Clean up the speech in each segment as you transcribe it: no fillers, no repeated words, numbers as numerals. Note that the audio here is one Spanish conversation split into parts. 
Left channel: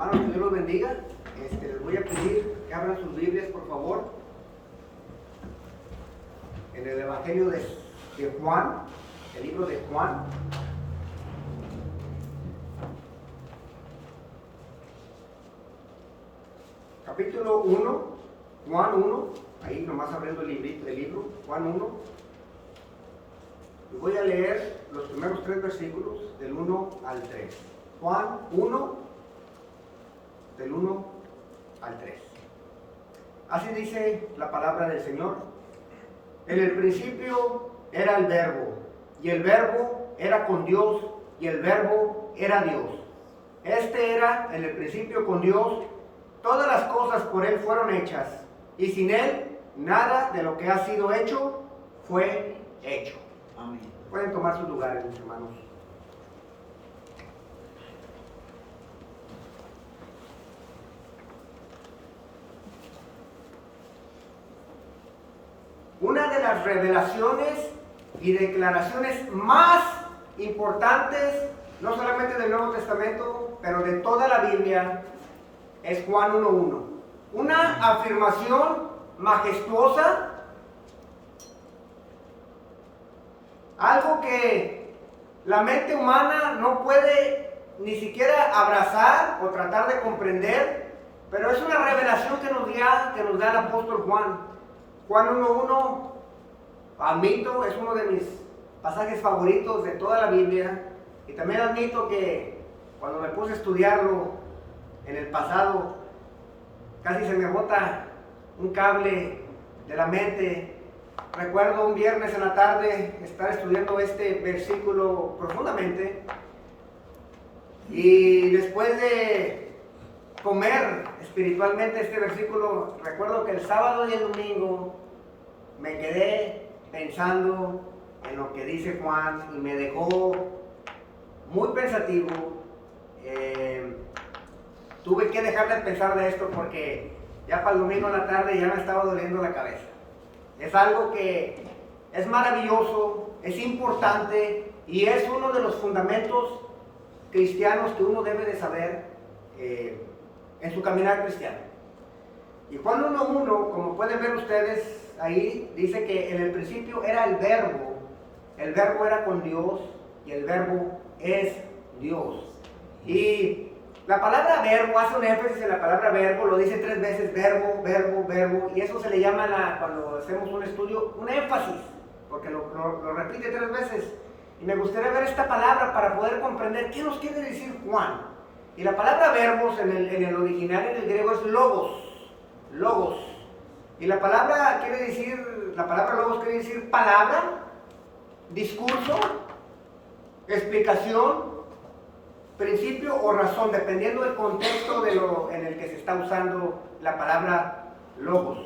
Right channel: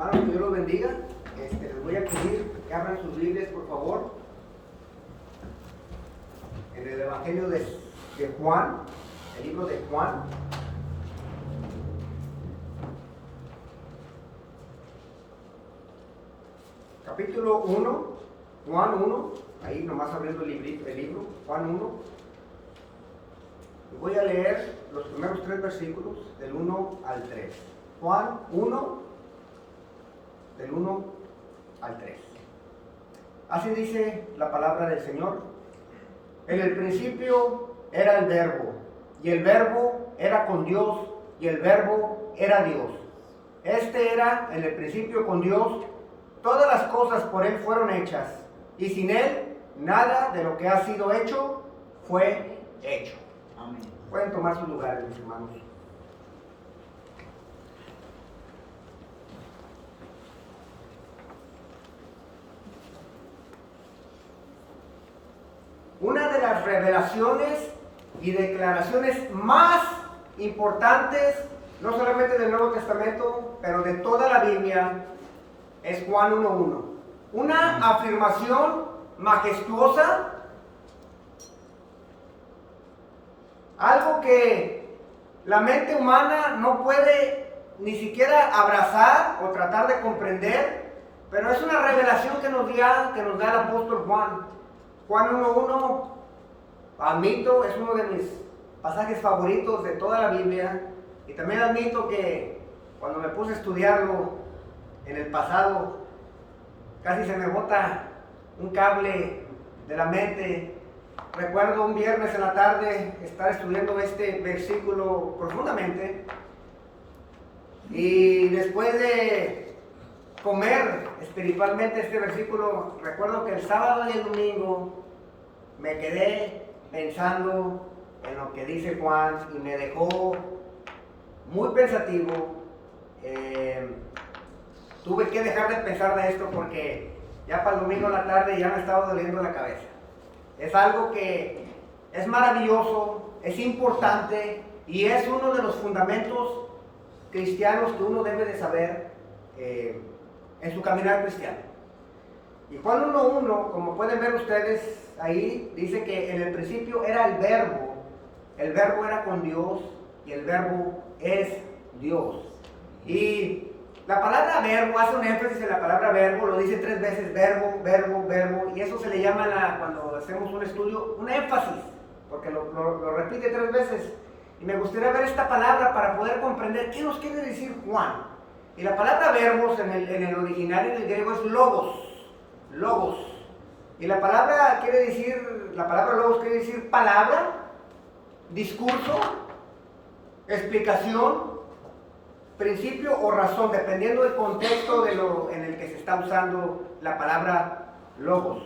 Hermanos, que Dios los bendiga. Les voy a pedir que abran sus Biblias, por favor, en el Evangelio de Juan, el libro de Juan. Capítulo 1, Juan 1, ahí nomás abriendo el libro, Juan 1. Y voy a leer los primeros 3 versículos, del 1 al 3. Juan 1, del 1 al 3. Así dice la palabra del Señor. En el principio era el Verbo, y el Verbo era con Dios, y el Verbo era Dios. Este era en el principio con Dios. Todas las cosas por Él fueron hechas, y sin Él nada de lo que ha sido hecho fue hecho. Amén. Pueden tomar sus lugares, mis hermanos. Una de las revelaciones y declaraciones más importantes, no solamente del Nuevo Testamento, pero de toda la Biblia, es Juan 1:1. Una afirmación majestuosa, algo que la mente humana no puede ni siquiera abrazar o tratar de comprender, pero es una revelación que nos da el apóstol Juan. Juan 1:1, admito, es uno de mis pasajes favoritos de toda la Biblia, y también admito que cuando me puse a estudiarlo en el pasado, casi se me bota un cable de la mente. Recuerdo un viernes en la tarde estar estudiando este versículo profundamente, y después de comer espiritualmente este versículo, recuerdo que el sábado y el domingo me quedé pensando en lo que dice Juan y me dejó muy pensativo. Tuve que dejar de pensar de esto porque ya para el domingo en la tarde ya me estaba doliendo la cabeza. Es algo que es maravilloso, es importante y es uno de los fundamentos cristianos que uno debe de saber en su caminar cristiano. Y Juan 1:1, como pueden ver ustedes ahí, dice que en el principio era el Verbo era con Dios y el Verbo es Dios. Y la palabra verbo hace un énfasis en la palabra verbo, lo dice 3 veces, verbo, verbo, verbo, y eso se le llama, cuando hacemos un estudio, un énfasis, porque lo repite 3 veces. Y me gustaría ver esta palabra para poder comprender qué nos quiere decir Juan. Y la palabra verbos en el original, en el griego, es logos. Y la palabra logos quiere decir palabra, discurso, explicación, principio o razón, dependiendo del contexto en el que se está usando la palabra logos.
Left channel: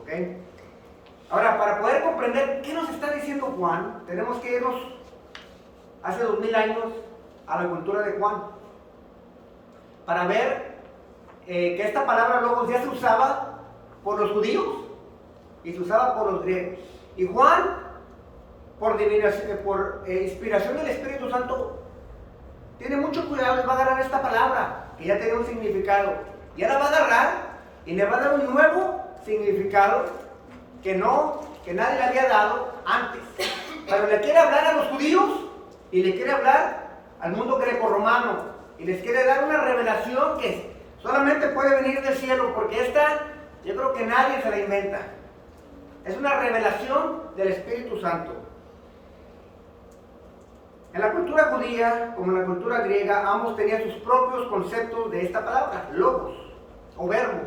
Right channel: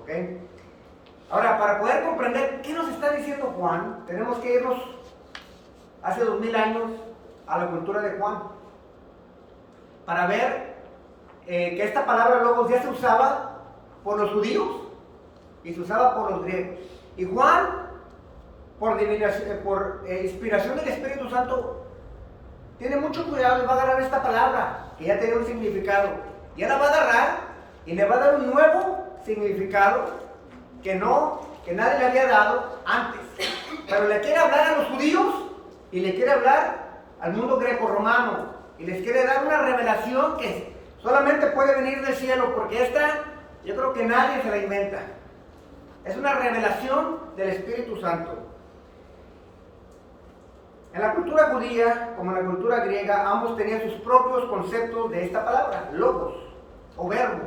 ¿Ok? Ahora, para poder comprender qué nos está diciendo Juan, tenemos que irnos hace 2000 años a la cultura de Juan, para ver que esta palabra logos ya se usaba por los judíos y se usaba por los griegos. Y Juan, por inspiración del Espíritu Santo, tiene mucho cuidado y va a agarrar esta palabra que ya tenía un significado. Ya la va a agarrar y le va a dar un nuevo significado que nadie le había dado antes. Pero le quiere hablar a los judíos y le quiere hablar al mundo greco-romano. Y les quiere dar una revelación que solamente puede venir del cielo, porque esta yo creo que nadie se la inventa. Es una revelación del Espíritu Santo. En la cultura judía, como en la cultura griega, ambos tenían sus propios conceptos de esta palabra, logos o verbo.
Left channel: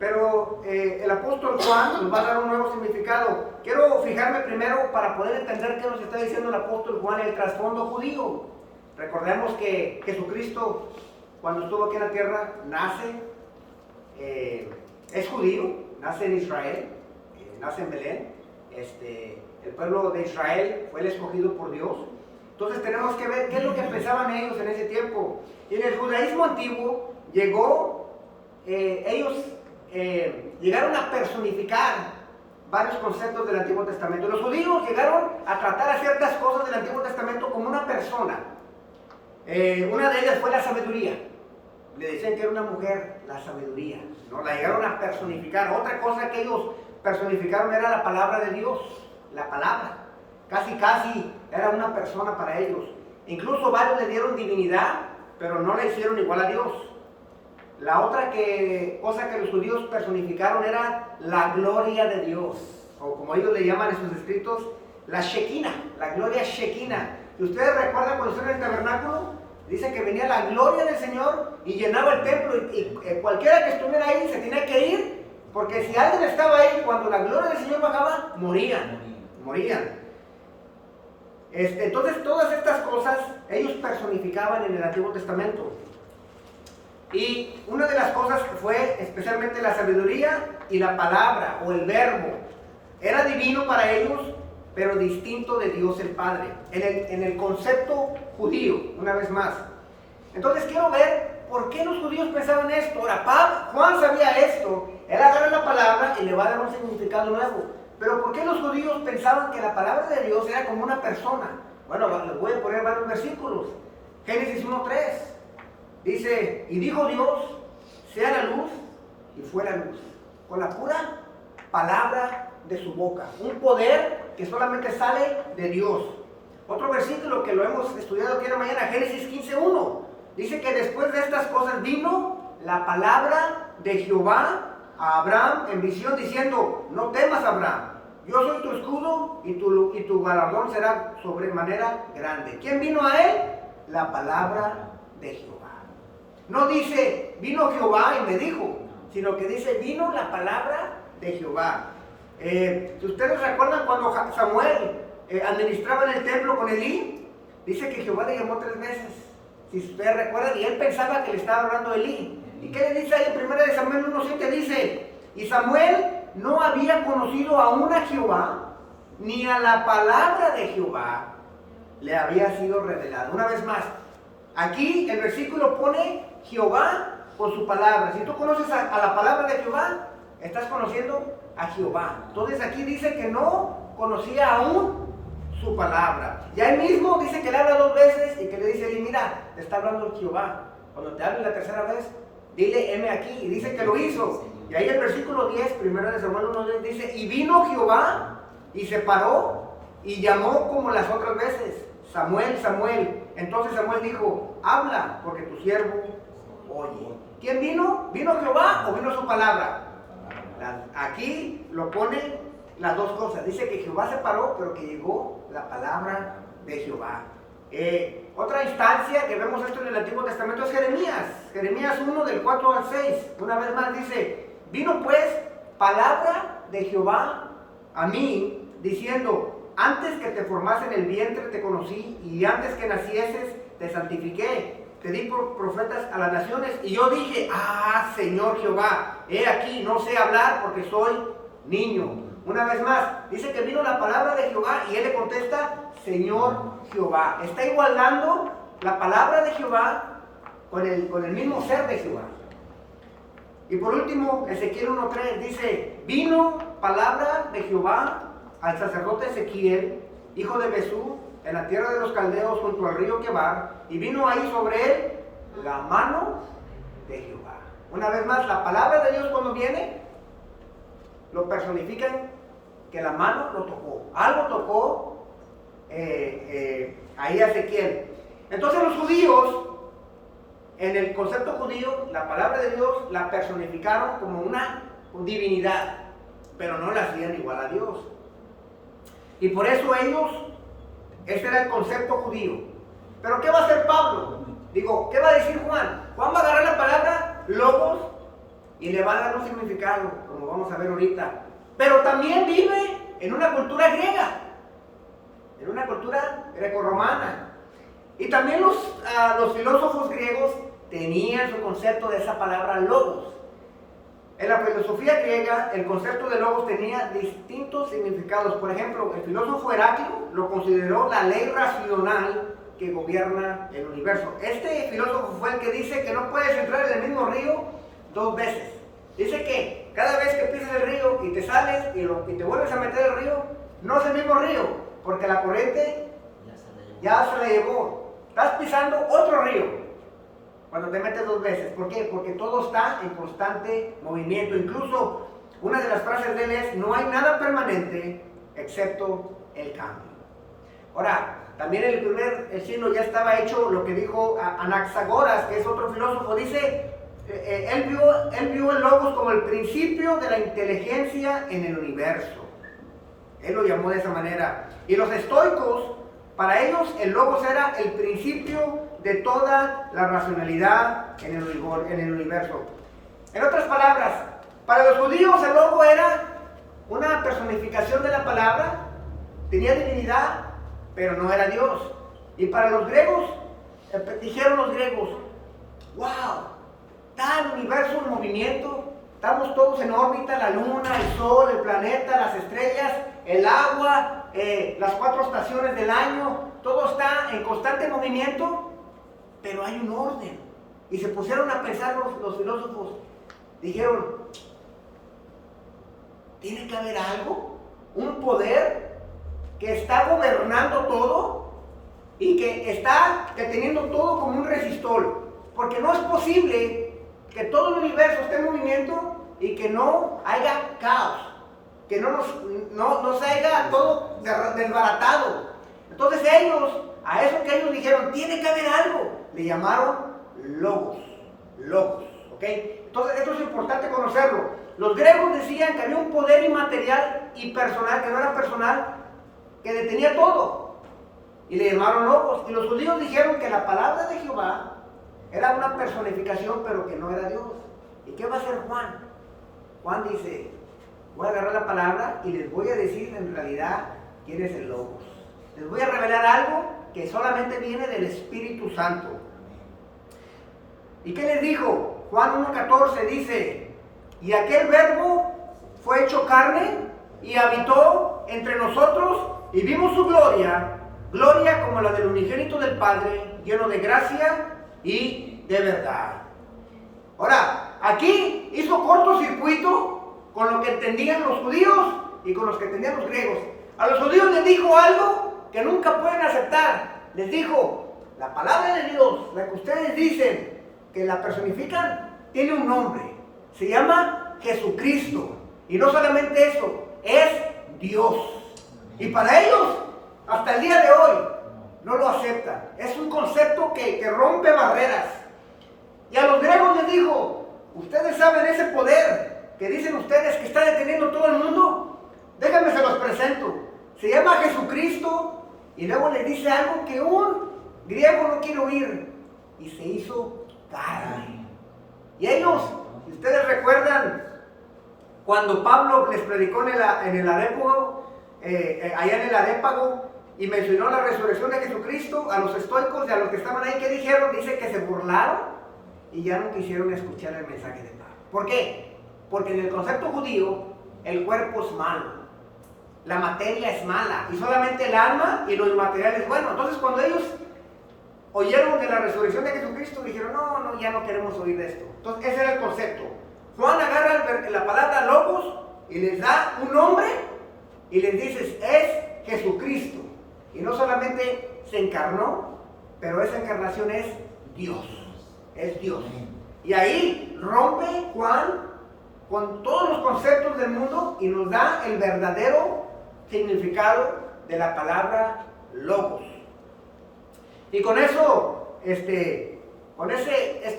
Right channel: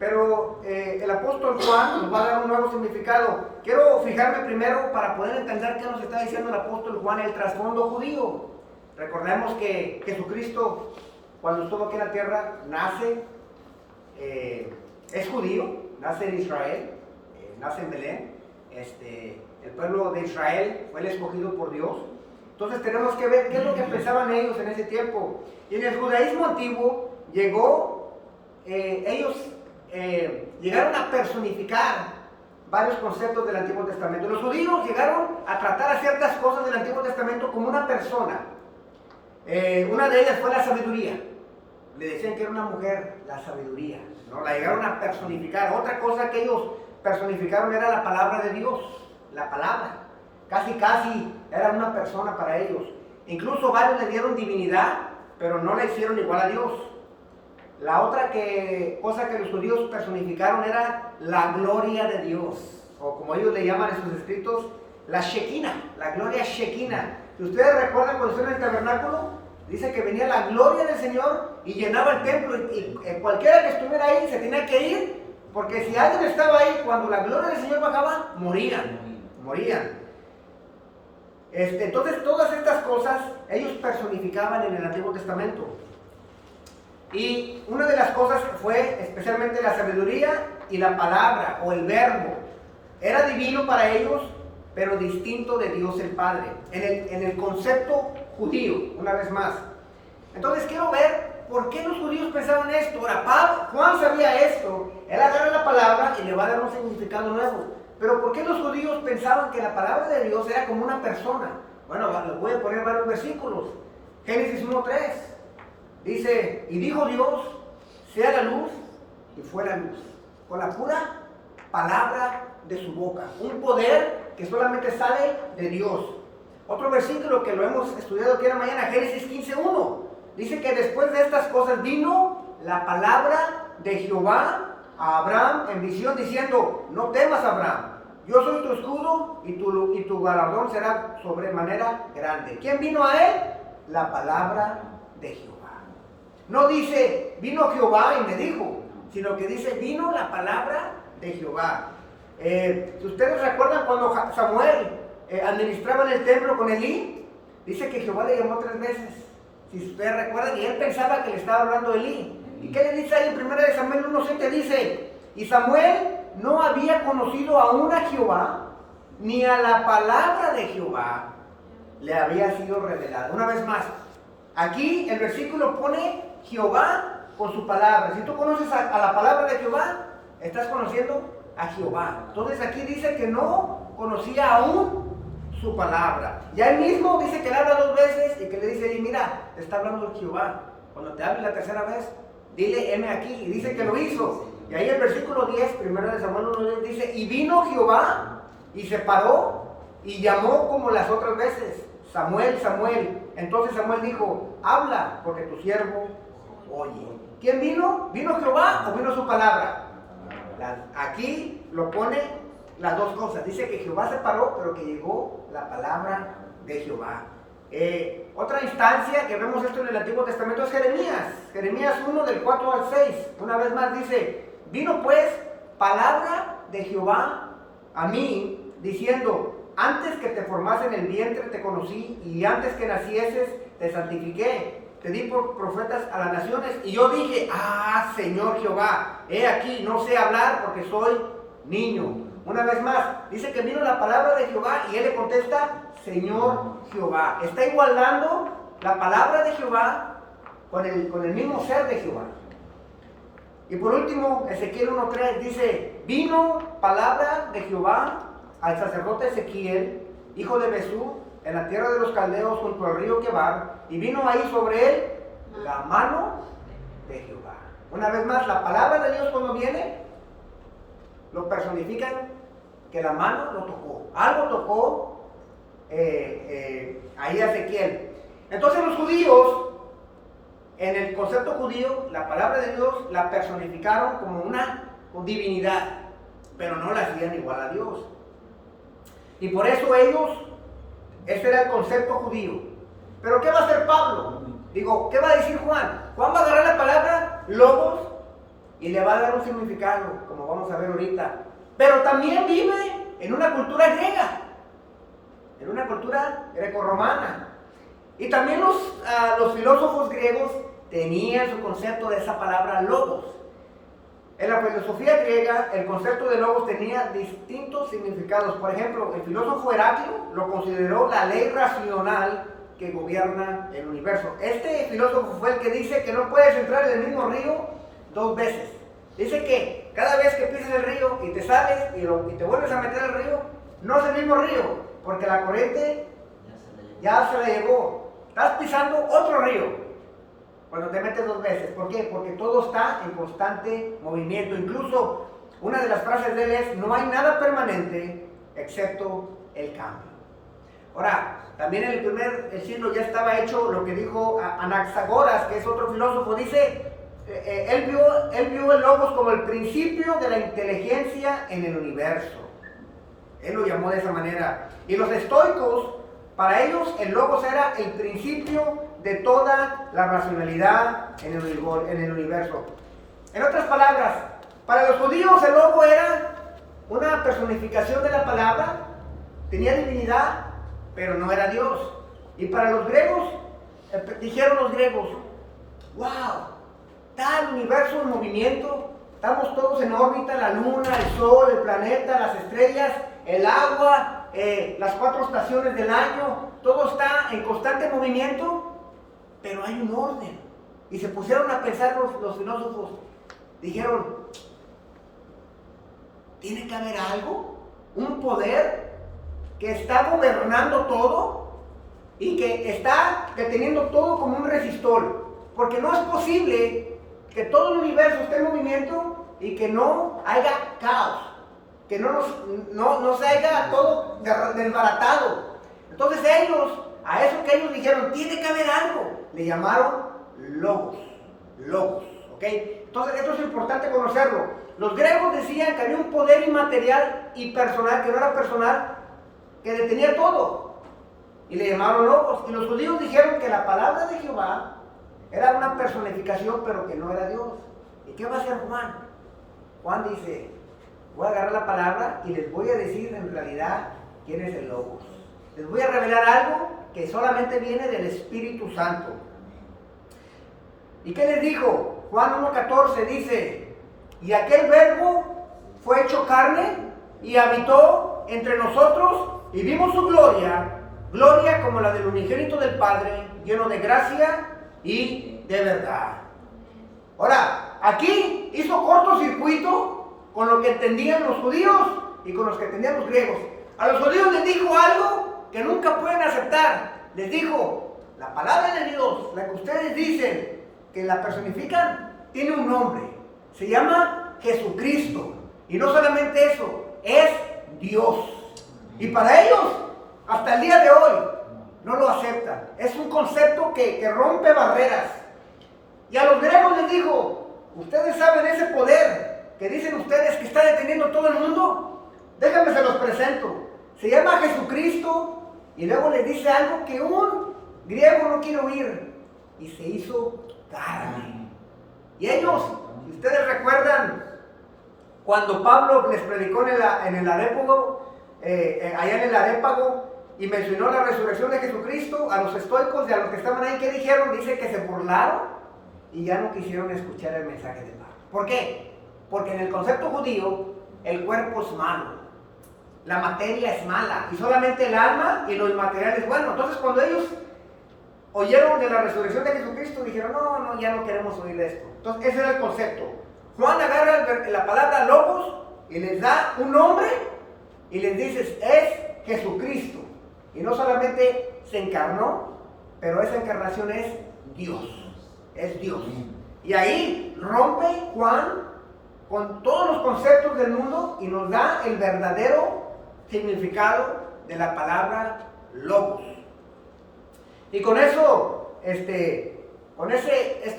Pero el apóstol Juan nos va a dar un nuevo significado. Quiero fijarme primero para poder entender qué nos está diciendo el apóstol Juan, el trasfondo judío. Recordemos que Jesucristo, cuando estuvo aquí en la tierra, es judío, nace en Israel, nace en Belén. El pueblo de Israel fue el escogido por Dios. Entonces tenemos que ver qué es lo que pensaban ellos en ese tiempo. Y en el judaísmo antiguo ellos llegaron a personificar varios conceptos del Antiguo Testamento. Los judíos llegaron a tratar a ciertas cosas del Antiguo Testamento como una persona. Una de ellas fue la sabiduría. le decían que era una mujer, la sabiduría, ¿no? La llegaron a personificar. Otra cosa que ellos personificaron era la palabra de Dios, la palabra. Casi era una persona para ellos. Incluso varios le dieron divinidad, pero no la hicieron igual a Dios. La otra cosa que los judíos personificaron era la gloria de Dios, o como ellos le llaman en sus escritos, la Shekinah, la gloria Shekinah. Si ustedes recuerdan cuando estuvieron en el tabernáculo, dice que venía la gloria del Señor y llenaba el templo, y cualquiera que estuviera ahí se tenía que ir, porque si alguien estaba ahí cuando la gloria del Señor bajaba, morían. Entonces todas estas cosas ellos personificaban en el Antiguo Testamento. Y una de las cosas fue especialmente la sabiduría y la palabra o el verbo. Era divino para ellos, pero distinto de Dios el Padre, en el concepto judío, una vez más. Entonces quiero ver por qué los judíos pensaban esto. Ahora, Juan sabía esto, él agarra la palabra y le va a dar un significado nuevo. Pero ¿por qué los judíos pensaban que la palabra de Dios era como una persona? Bueno, les voy a poner varios versículos. Génesis 1:3 dice, y dijo Dios, sea la luz, y fue la luz, con la pura palabra de su boca. Un poder que solamente sale de Dios. Otro versículo que lo hemos estudiado aquí en la mañana, Génesis 15:1, dice que después de estas cosas vino la palabra de Jehová a Abraham en visión diciendo, no temas, Abraham, yo soy tu escudo y tu galardón será sobremanera grande. ¿Quién vino a él? La palabra de Jehová. No dice, vino Jehová y me dijo, sino que dice, vino la palabra de Jehová. Si ustedes recuerdan cuando Samuel administraba en el templo con Elí, dice que Jehová le llamó 3 veces. Si ustedes recuerdan, y él pensaba que le estaba hablando a Elí. ¿Y qué le dice ahí en 1 Samuel 1:7? Dice, y Samuel no había conocido aún a Jehová, ni a la palabra de Jehová le había sido revelada. Una vez más, aquí el versículo pone Jehová con su palabra. Si tú conoces a la palabra de Jehová, estás conociendo a Jehová. Entonces aquí dice que no conocía aún su palabra. Ya él mismo dice que le habla 2 veces y que le dice, mira, te está hablando Jehová. Cuando te hable la tercera vez, dile, heme aquí. Y dice que lo hizo. Y ahí el versículo 10, 1 Samuel 1, dice, y vino Jehová y se paró y llamó como las otras veces, Samuel, Samuel. Entonces Samuel dijo, habla, porque tu siervo oye. ¿Quién vino? ¿Vino Jehová o vino su palabra? Aquí lo pone las dos cosas. Dice que Jehová se paró, pero que llegó la palabra de Jehová. Otra instancia que vemos esto en el Antiguo Testamento es Jeremías 1 del 4 al 6. Una vez más dice, vino pues palabra de Jehová a mí, diciendo, antes que te formase en el vientre te conocí, y antes que nacieses te santifiqué. Te di por profetas a las naciones, y yo dije, Señor Jehová, he aquí, no sé hablar porque soy niño. Una vez más, dice que vino la palabra de Jehová, y él le contesta, Señor Jehová. Está igualando la palabra de Jehová con el mismo ser de Jehová. Y por último, Ezequiel 1:3 dice, vino palabra de Jehová al sacerdote Ezequiel, hijo de Besú, en la tierra de los caldeos junto al río Quebar, y vino ahí sobre él la mano de Jehová. Una vez más, la palabra de Dios cuando viene, lo personifican que la mano lo tocó. Algo tocó ahí a Ezequiel. Entonces los judíos, en el concepto judío, la palabra de Dios la personificaron como una divinidad, pero no la hacían igual a Dios. Y por eso ellos, ese era el concepto judío. Pero ¿qué va a hacer Pablo? Digo, ¿qué va a decir Juan? Juan va a agarrar la palabra logos y le va a dar un significado, como vamos a ver ahorita. Pero también vive en una cultura griega, en una cultura grecorromana. Y también los filósofos griegos tenían su concepto de esa palabra logos. En la filosofía griega, el concepto de logos tenía distintos significados. Por ejemplo, el filósofo Heraclio lo consideró la ley racional que gobierna el universo. Este filósofo fue el que dice que no puedes entrar en el mismo río 2 veces. Dice que cada vez que pisas el río y te sales y te vuelves a meter al río, no es el mismo río, porque la corriente ya se la llevó. Estás pisando otro río. cuando te metes dos veces. ¿Por qué? Porque todo está en constante movimiento. Incluso una de las frases de él es, no hay nada permanente excepto el cambio. Ahora, también en el primer siglo ya estaba hecho lo que dijo Anaxagoras, que es otro filósofo. Dice, él vio el logos como el principio de la inteligencia en el universo. Él lo llamó de esa manera. Y los estoicos, para ellos el logos era el principio de toda la racionalidad en el universo. En otras palabras, para los judíos el logos era una personificación de la palabra, tenía divinidad, pero no era Dios. Y para los griegos, dijeron los griegos, wow, está el universo en movimiento, estamos todos en órbita, la luna, el sol, el planeta, las estrellas, el agua, las 4 estaciones del año, todo está en constante movimiento, pero hay un orden. Y se pusieron a pensar los filósofos, dijeron, tiene que haber algo, un poder que está gobernando todo y que está deteniendo todo como un resistor, porque no es posible que todo el universo esté en movimiento y que no haya caos, que no se haya todo desbaratado. Entonces a eso que ellos dijeron, tiene que haber algo, le llamaron logos, ¿ok? Entonces esto es importante conocerlo. Los griegos decían que había un poder inmaterial y personal, que no era personal, que detenía todo, y le llamaron logos. Y los judíos dijeron que la palabra de Jehová era una personificación, pero que no era Dios. ¿Y qué va a hacer Juan? Juan dice, voy a agarrar la palabra y les voy a decir en realidad quién es el logos. Les voy a revelar algo que solamente viene del Espíritu Santo. ¿Y qué les dijo? Juan 1:14 dice, y aquel verbo fue hecho carne y habitó entre nosotros y vimos su gloria, gloria como la del unigénito del Padre, lleno de gracia y de verdad. Ahora, aquí hizo cortocircuito con lo que entendían los judíos y con los que entendían los griegos. A los judíos les dijo algo que nunca pueden aceptar. Les dijo, la palabra de Dios, la que ustedes dicen que la personifican, tiene un nombre. Se llama Jesucristo. Y no solamente eso, es Dios. Y para ellos, hasta el día de hoy, no lo aceptan. Es un concepto que rompe barreras. Y a los griegos les dijo, ustedes saben ese poder que dicen ustedes que está deteniendo todo el mundo. Déjenme se los presento. Se llama Jesucristo. Y luego les dice algo que un griego no quiere oír. Y se hizo carne. Y ellos, si ustedes recuerdan, cuando Pablo les predicó en el Areópago, allá en el Areópago, y mencionó la resurrección de Jesucristo, a los estoicos y a los que estaban ahí, ¿qué dijeron? Dice que se burlaron y ya no quisieron escuchar el mensaje de Pablo. ¿Por qué? Porque en el concepto judío, el cuerpo es malo, la materia es mala, y solamente el alma y lo inmaterial es bueno. Entonces cuando ellos oyeron de la resurrección de Jesucristo, dijeron, no, ya no queremos oír de esto. Entonces ese era el concepto. Juan agarra la palabra logos y les da un nombre y les dice, es Jesucristo. Y no solamente se encarnó, pero esa encarnación es Dios. Es Dios. Y ahí rompe Juan con todos los conceptos del mundo y nos da el verdadero significado de la palabra logos. Y con eso, es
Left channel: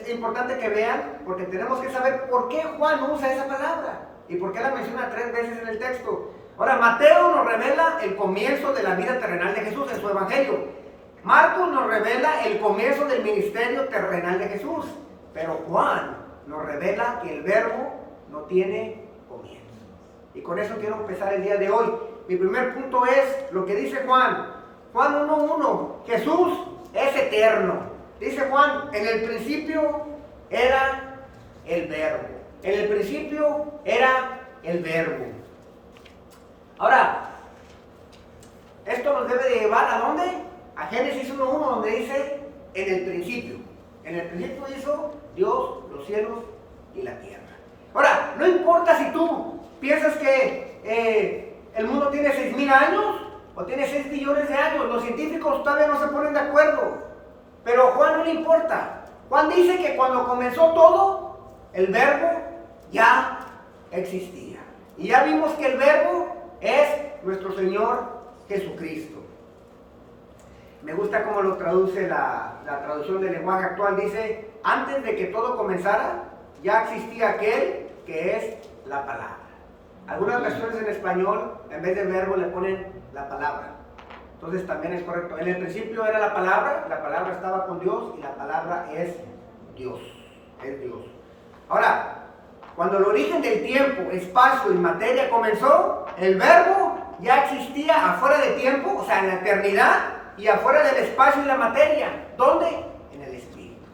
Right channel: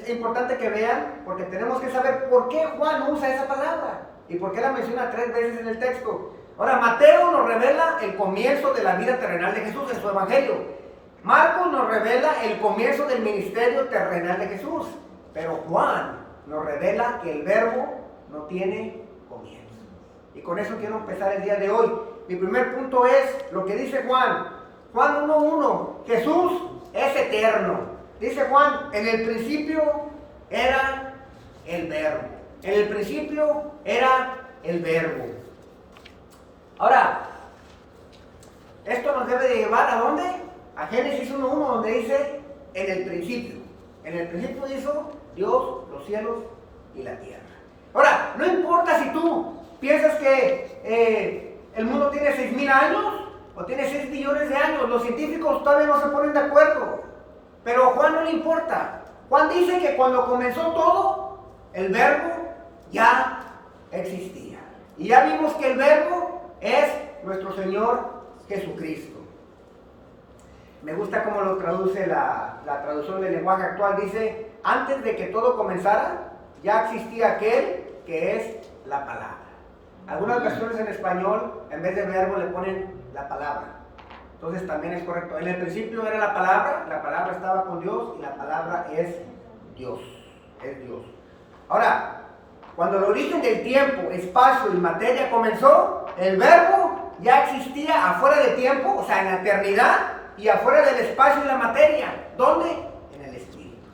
importante que vean, porque tenemos que saber por qué Juan usa esa palabra y por qué la menciona 3 veces en el texto. Ahora, Mateo nos revela el comienzo de la vida terrenal de Jesús en su evangelio. Marcos nos revela el comienzo del ministerio terrenal de Jesús. Pero Juan nos revela que el verbo no tiene comienzo. Y con eso quiero empezar el día de hoy. Mi primer punto es lo que dice Juan. Juan 1:1. Jesús es eterno. Dice Juan, en el principio era el verbo. En el principio era el verbo. Ahora, esto nos debe de llevar ¿a dónde? A Génesis 1:1, donde dice, en el principio. En el principio hizo Dios los cielos y la tierra. Ahora, no importa si tú piensas que el mundo tiene 6,000 años o tiene 6 billones de años, los científicos todavía no se ponen de acuerdo. Pero a Juan no le importa. Juan dice que cuando comenzó todo, el verbo ya existía. Y ya vimos que el verbo es nuestro Señor Jesucristo. Me gusta cómo lo traduce la traducción del lenguaje actual. Dice, antes de que todo comenzara, ya existía aquel que es la palabra. Algunas versiones en español, en vez de verbo, le ponen la palabra. Entonces también es correcto. En el principio era la palabra estaba con Dios y la palabra es Dios. Es Dios. Ahora, cuando el origen del tiempo, espacio y materia comenzó, el verbo ya existía afuera de tiempo, o sea, en la eternidad, y afuera del espacio y la materia. ¿Dónde? En el Espíritu.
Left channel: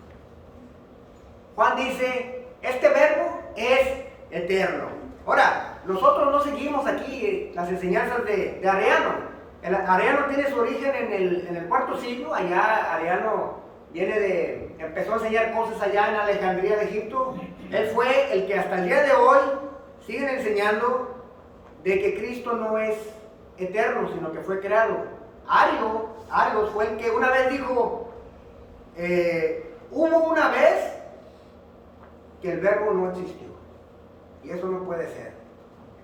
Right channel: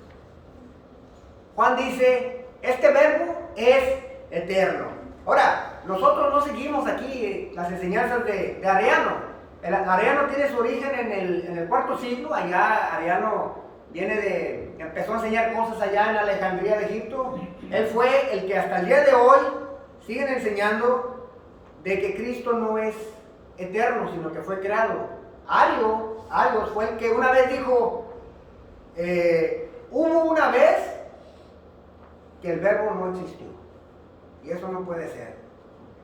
Juan dice, este verbo es eterno. Ahora, nosotros no seguimos aquí las enseñanzas de Arriano. Arriano tiene su origen en el cuarto siglo. Allá Arriano empezó a enseñar cosas allá en Alejandría de Egipto. Él fue el que hasta el día de hoy siguen enseñando de que Cristo no es eterno, sino que fue creado. Arios fue el que una vez dijo, hubo una vez que el verbo no existió. Y eso no puede ser.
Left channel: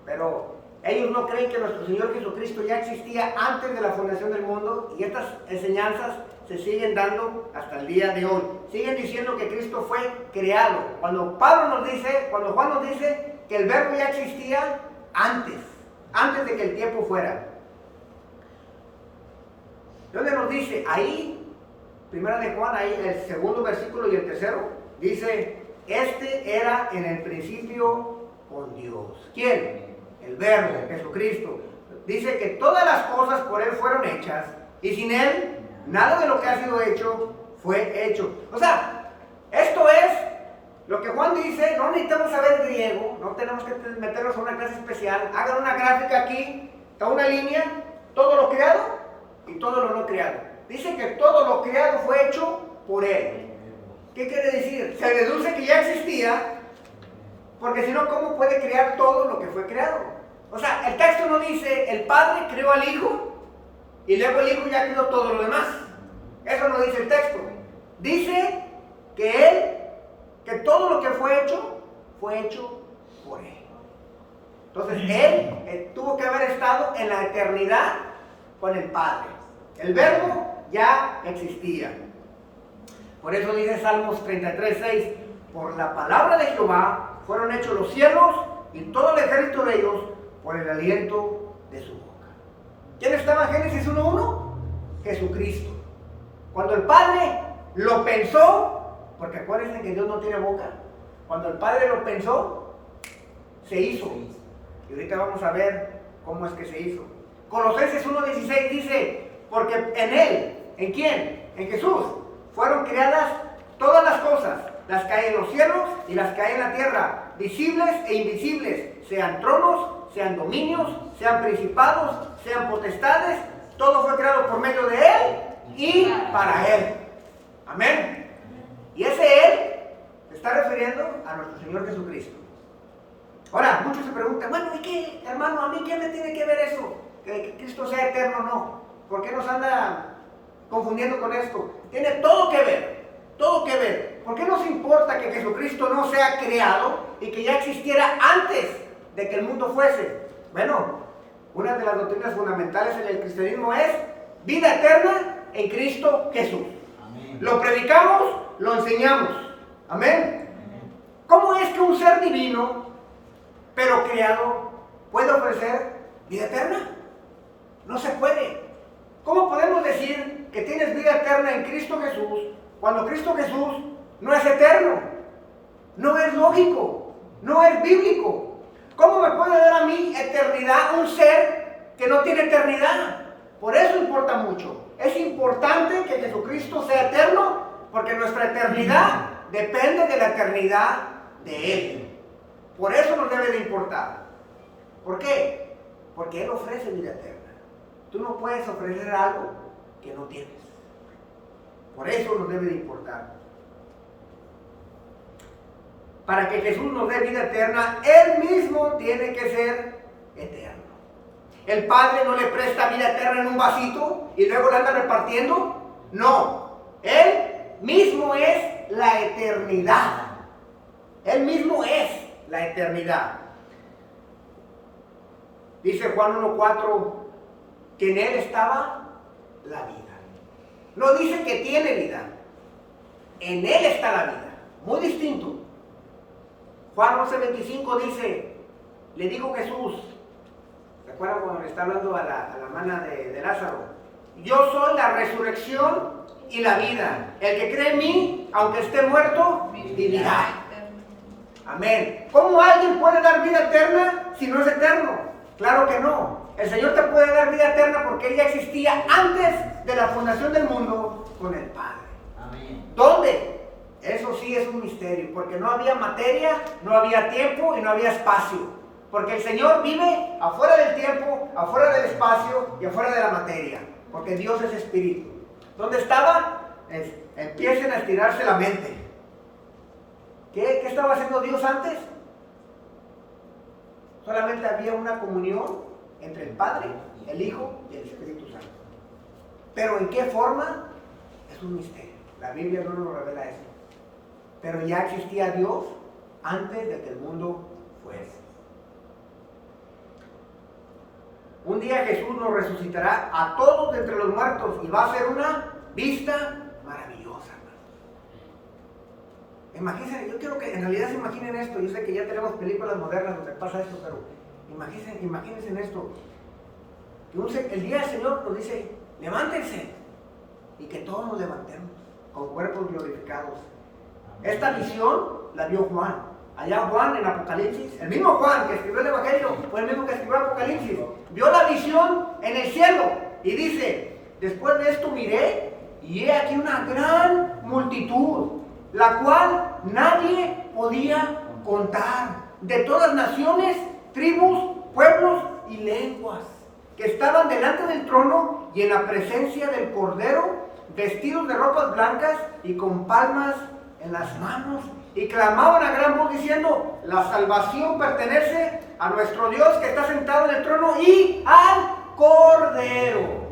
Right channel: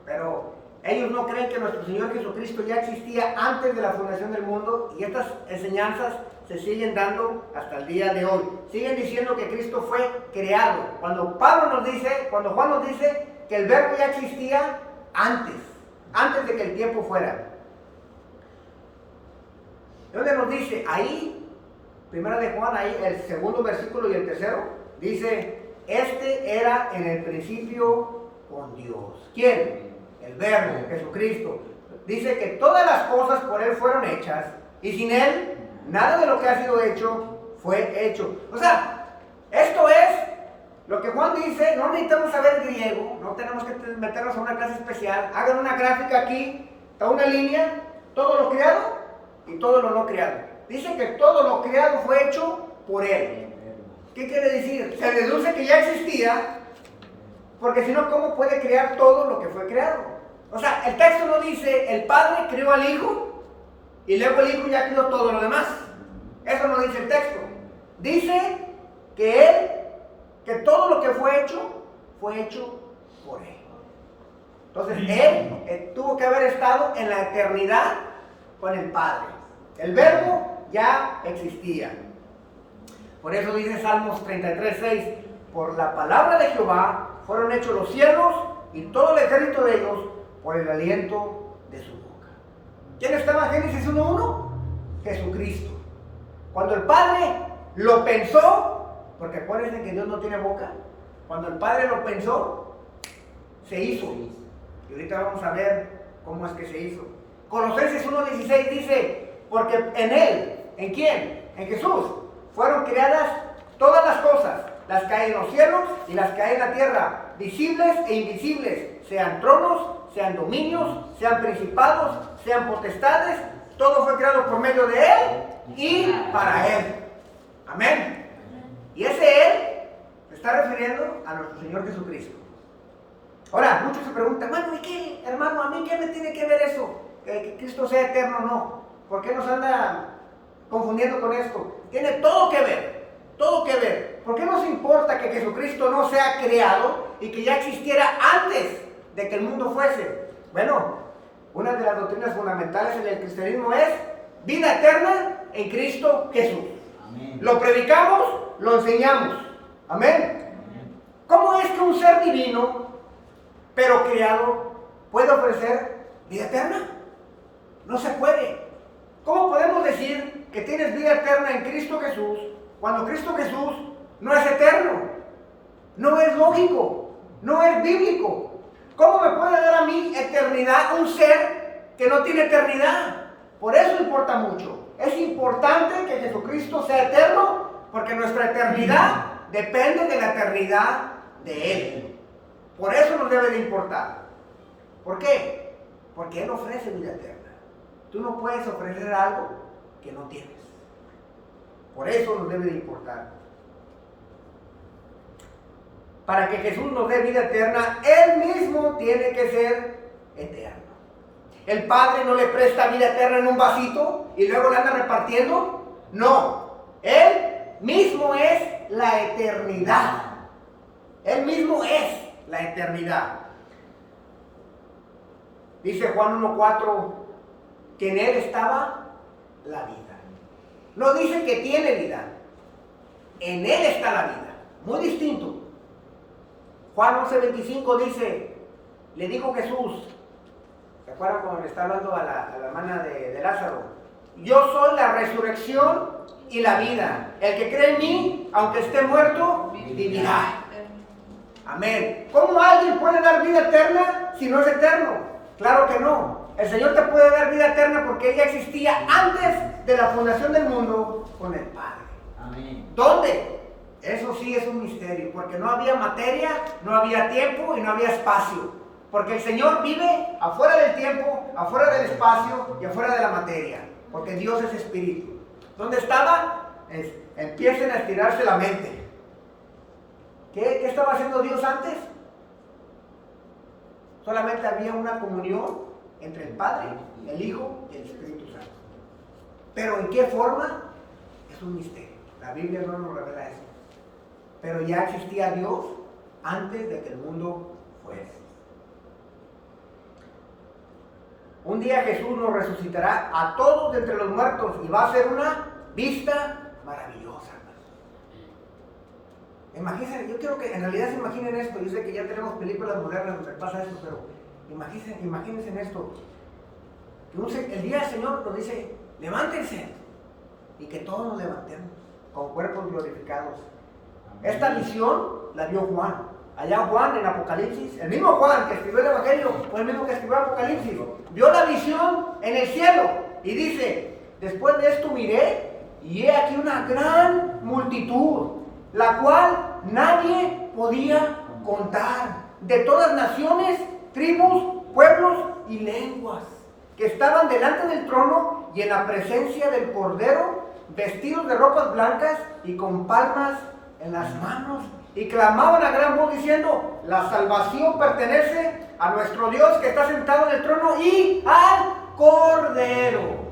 Pero ellos no creen que nuestro Señor Jesucristo ya existía antes de la fundación del mundo, y estas enseñanzas se siguen dando hasta el día de hoy. Siguen diciendo que Cristo fue creado. Cuando Juan nos dice que el verbo ya existía antes de que el tiempo fuera. ¿Dónde nos dice? Ahí, primera de Juan, ahí el segundo versículo y el tercero, dice, este era en el principio con Dios. ¿Quién? El verbo, Jesucristo. Dice que todas las cosas por Él fueron hechas, y sin Él, nada de lo que ha sido hecho, fue hecho. O sea, esto es lo que Juan dice. No necesitamos saber griego, no tenemos que meternos a una clase especial. Hagan una gráfica aquí, está una línea, todo lo creado y todo lo no creado. Dice que todo lo creado fue hecho por Él. ¿Qué quiere decir? Se deduce que ya existía, porque si no, ¿cómo puede crear todo lo que fue creado? O sea, el texto no dice, el Padre creó al Hijo, y luego el Hijo ya creó todo lo demás. Eso no dice el texto. Dice que todo lo que fue hecho por Él. Entonces, Él tuvo que haber estado en la eternidad con el Padre. El verbo ya existía. Por eso dice Salmos 33:6, por la palabra de Jehová fueron hechos los cielos y todo el ejército de ellos por el aliento de su boca. ¿Quién estaba en Génesis 1:1? Jesucristo. Cuando el Padre lo pensó, porque acuérdense que Dios no tiene boca, cuando el Padre lo pensó, se hizo. Y ahorita vamos a ver cómo es que se hizo. Colosenses 1:16 dice, porque en Él, ¿en quién? En Jesús, fueron creadas todas las cosas, las que hay en los cielos y las que hay en la tierra, visibles e invisibles, sean tronos, sean dominios, sean principados, sean potestades, todo fue creado por medio de Él y para Él. Amén. Y ese Él se está refiriendo a nuestro Señor Jesucristo. Ahora, muchos se preguntan, bueno, ¿y qué, hermano? ¿A mí qué me tiene que ver eso? Que Cristo sea eterno, no. ¿Por qué nos anda confundiendo con esto? Tiene todo que ver, todo que ver. ¿Por qué nos importa que Jesucristo no sea creado y que ya existiera antes de que el mundo fuese? Bueno, una de las doctrinas fundamentales en el cristianismo es vida eterna en Cristo Jesús. Amén. Lo predicamos, lo enseñamos. Amén. ¿Cómo es que un ser divino, pero creado, puede ofrecer vida eterna? No se puede. ¿Cómo podemos decir que tienes vida eterna en Cristo Jesús cuando Cristo Jesús no es eterno? No es lógico, no es bíblico. ¿Cómo me puede dar a mí eternidad un ser que no tiene eternidad? Por eso importa mucho. Es importante que Jesucristo sea eterno, porque nuestra eternidad depende de la eternidad de Él. Por eso nos debe de importar. ¿Por qué? Porque Él ofrece vida eterna. Tú no puedes ofrecer algo que no tienes. Por eso nos debe de importar. Para que Jesús nos dé vida eterna, Él mismo tiene que ser eterno. El Padre no le presta vida eterna en un vasito y luego la anda repartiendo. No, Él mismo es la eternidad. Él mismo es la eternidad. Dice Juan 1:4 que en Él estaba la vida. No dice que tiene vida. En Él está la vida. Muy distinto. Juan 11:25 dice, le dijo Jesús, ¿se acuerdan cuando le está hablando a la hermana de Lázaro? Yo soy la resurrección y la vida. El que cree en mí, aunque esté muerto, vivirá. Amén. ¿Cómo alguien puede dar vida eterna si no es eterno? Claro que no. El Señor te puede dar vida eterna porque Él ya existía antes de la fundación del mundo con el Padre. Amén. ¿Dónde? Eso sí es un misterio, porque no había materia, no había tiempo y no había espacio. Porque el Señor vive afuera del tiempo, afuera del espacio y afuera de la materia. Porque Dios es espíritu. ¿Dónde estaba? Empiecen a estirarse la mente. ¿Qué estaba haciendo Dios antes? Solamente había una comunión entre el Padre, el Hijo y el Espíritu Santo. Pero ¿en qué forma? Es un misterio. La Biblia no nos revela eso. Pero ya existía Dios antes de que el mundo fuese. Un día Jesús nos resucitará a todos de entre los muertos y va a ser una vista maravillosa. Imagínense, yo quiero que en realidad se imaginen esto. Yo sé que ya tenemos películas modernas donde pasa esto, pero imagínense en esto. Que el día del Señor nos dice, levántense, y que todos nos levantemos con cuerpos glorificados. Esta visión la dio Juan. Allá Juan en Apocalipsis, el mismo Juan que escribió el Evangelio, fue el mismo que escribió Apocalipsis. Vio la visión en el cielo y dice, después de esto miré y he aquí una gran multitud, la cual nadie podía contar, de todas naciones, tribus, pueblos y lenguas, que estaban delante del trono y en la presencia del Cordero, vestidos de ropas blancas y con palmas en las manos, y clamaban a gran voz diciendo, la salvación pertenece a nuestro Dios que está sentado en el trono y al Cordero,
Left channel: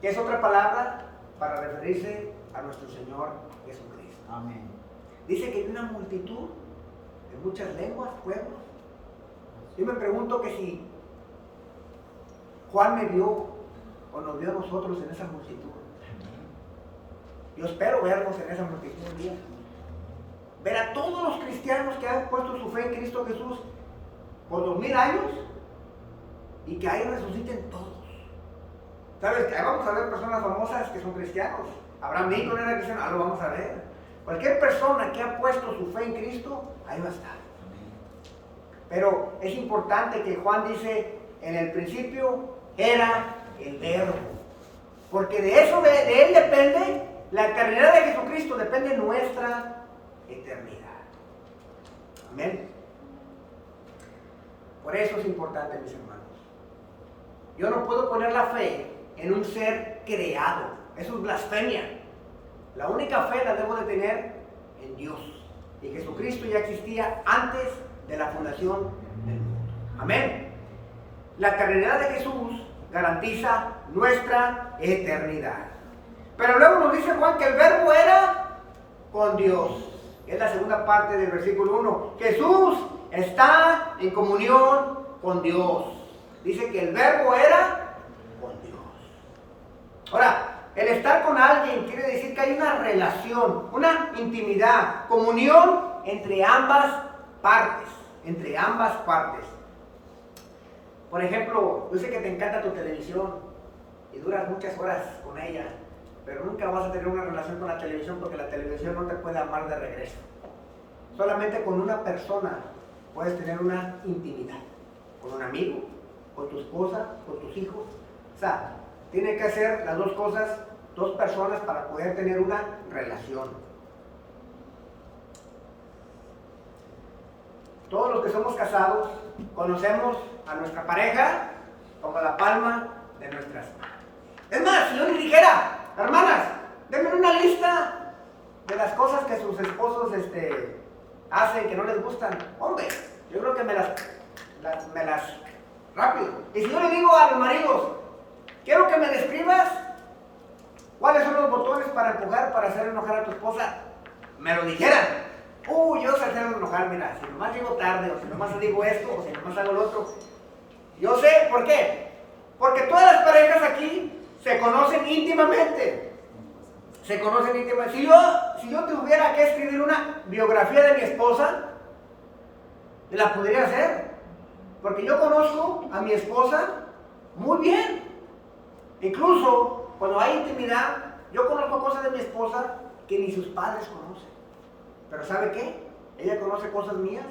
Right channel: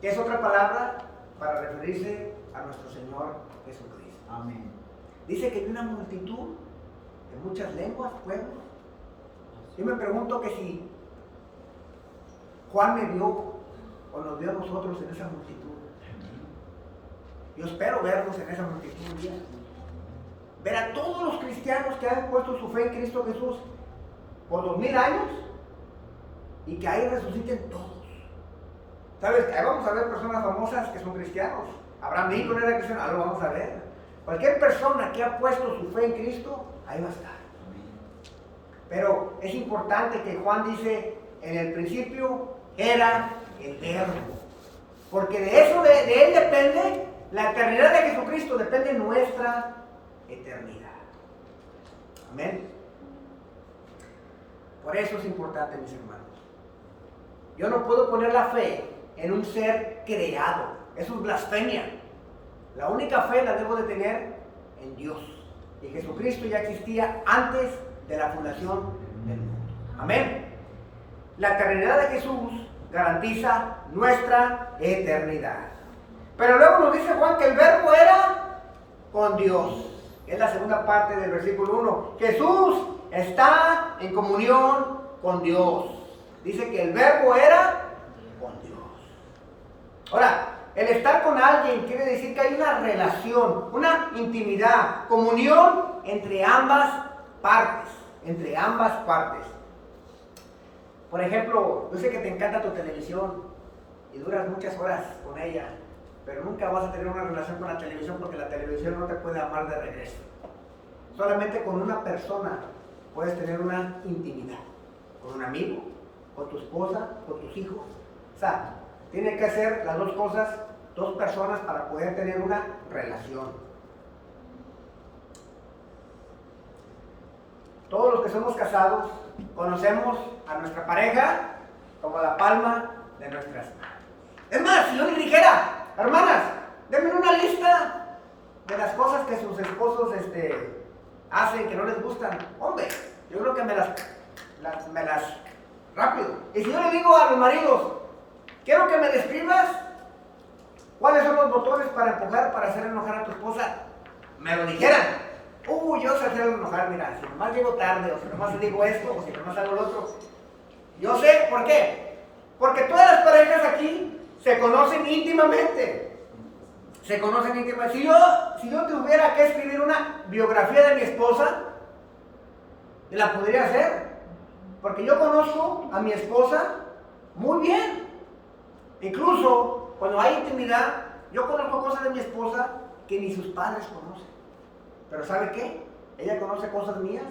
que es otra palabra para referirse a nuestro Señor Jesucristo. Amén. Dice que hay una multitud de muchas lenguas, pueblos. Yo me pregunto que si Juan me vio o nos vio a nosotros en esa multitud. Yo espero vernos en esa multitud un día. Ver a todos los cristianos que han puesto su fe en Cristo Jesús por 2000 años y que ahí resuciten todos. ¿Sabes? Ahí vamos a ver personas famosas que son cristianos. Abraham Lincoln era cristiano, ahí lo vamos a ver. Cualquier persona que ha puesto su fe en Cristo, ahí va a estar. Pero es importante que Juan dice, en el principio era el Verbo. Porque de eso, de Él depende la eternidad de Jesucristo, depende nuestra eternidad. Amén. Por eso es importante, mis hermanos. Yo no puedo poner la fe en un ser creado. Eso es blasfemia. La única fe la debo de tener en Dios. Y Jesucristo ya existía antes de la fundación del mundo. Amén. La eternidad de Jesús garantiza nuestra eternidad. Pero luego nos dice Juan que el Verbo era con Dios. Es la segunda parte del versículo 1. Jesús está en comunión con Dios. Dice que el Verbo era con Dios. Ahora, el estar con alguien quiere decir que hay una relación, una intimidad, comunión entre ambas partes. Entre ambas partes. Por ejemplo, yo sé que te encanta tu televisión y duras muchas horas con ella, pero nunca vas a tener una relación con la televisión porque la televisión no te puede amar de regreso. Solamente con una persona puedes tener una intimidad. Con un amigo, con tu esposa, con tus hijos. O sea, tiene que hacer las dos cosas, dos personas para poder tener una relación. Todos los que somos casados conocemos a nuestra pareja como la palma de nuestras manos. Es más, si yo les dijera, hermanas, denme una lista de las cosas que sus esposos hacen que no les gustan. Hombre, yo creo que me las rápido. Y si yo le digo a los maridos, quiero que me describas cuáles son los botones para empujar, para hacer enojar a tu esposa, me lo dijeran, yo sé hacerlo enojar, mira, si nomás llego tarde, o si nomás digo esto, o si nomás hago lo otro. Yo sé, ¿por qué? Porque todas las parejas aquí se conocen íntimamente. Se conocen íntimamente. Si yo tuviera que escribir una biografía de mi esposa, la podría hacer. Porque yo conozco a mi esposa muy bien. Incluso cuando hay intimidad, yo conozco cosas de mi esposa que ni sus padres conocen. Pero ¿sabe qué? Ella conoce cosas mías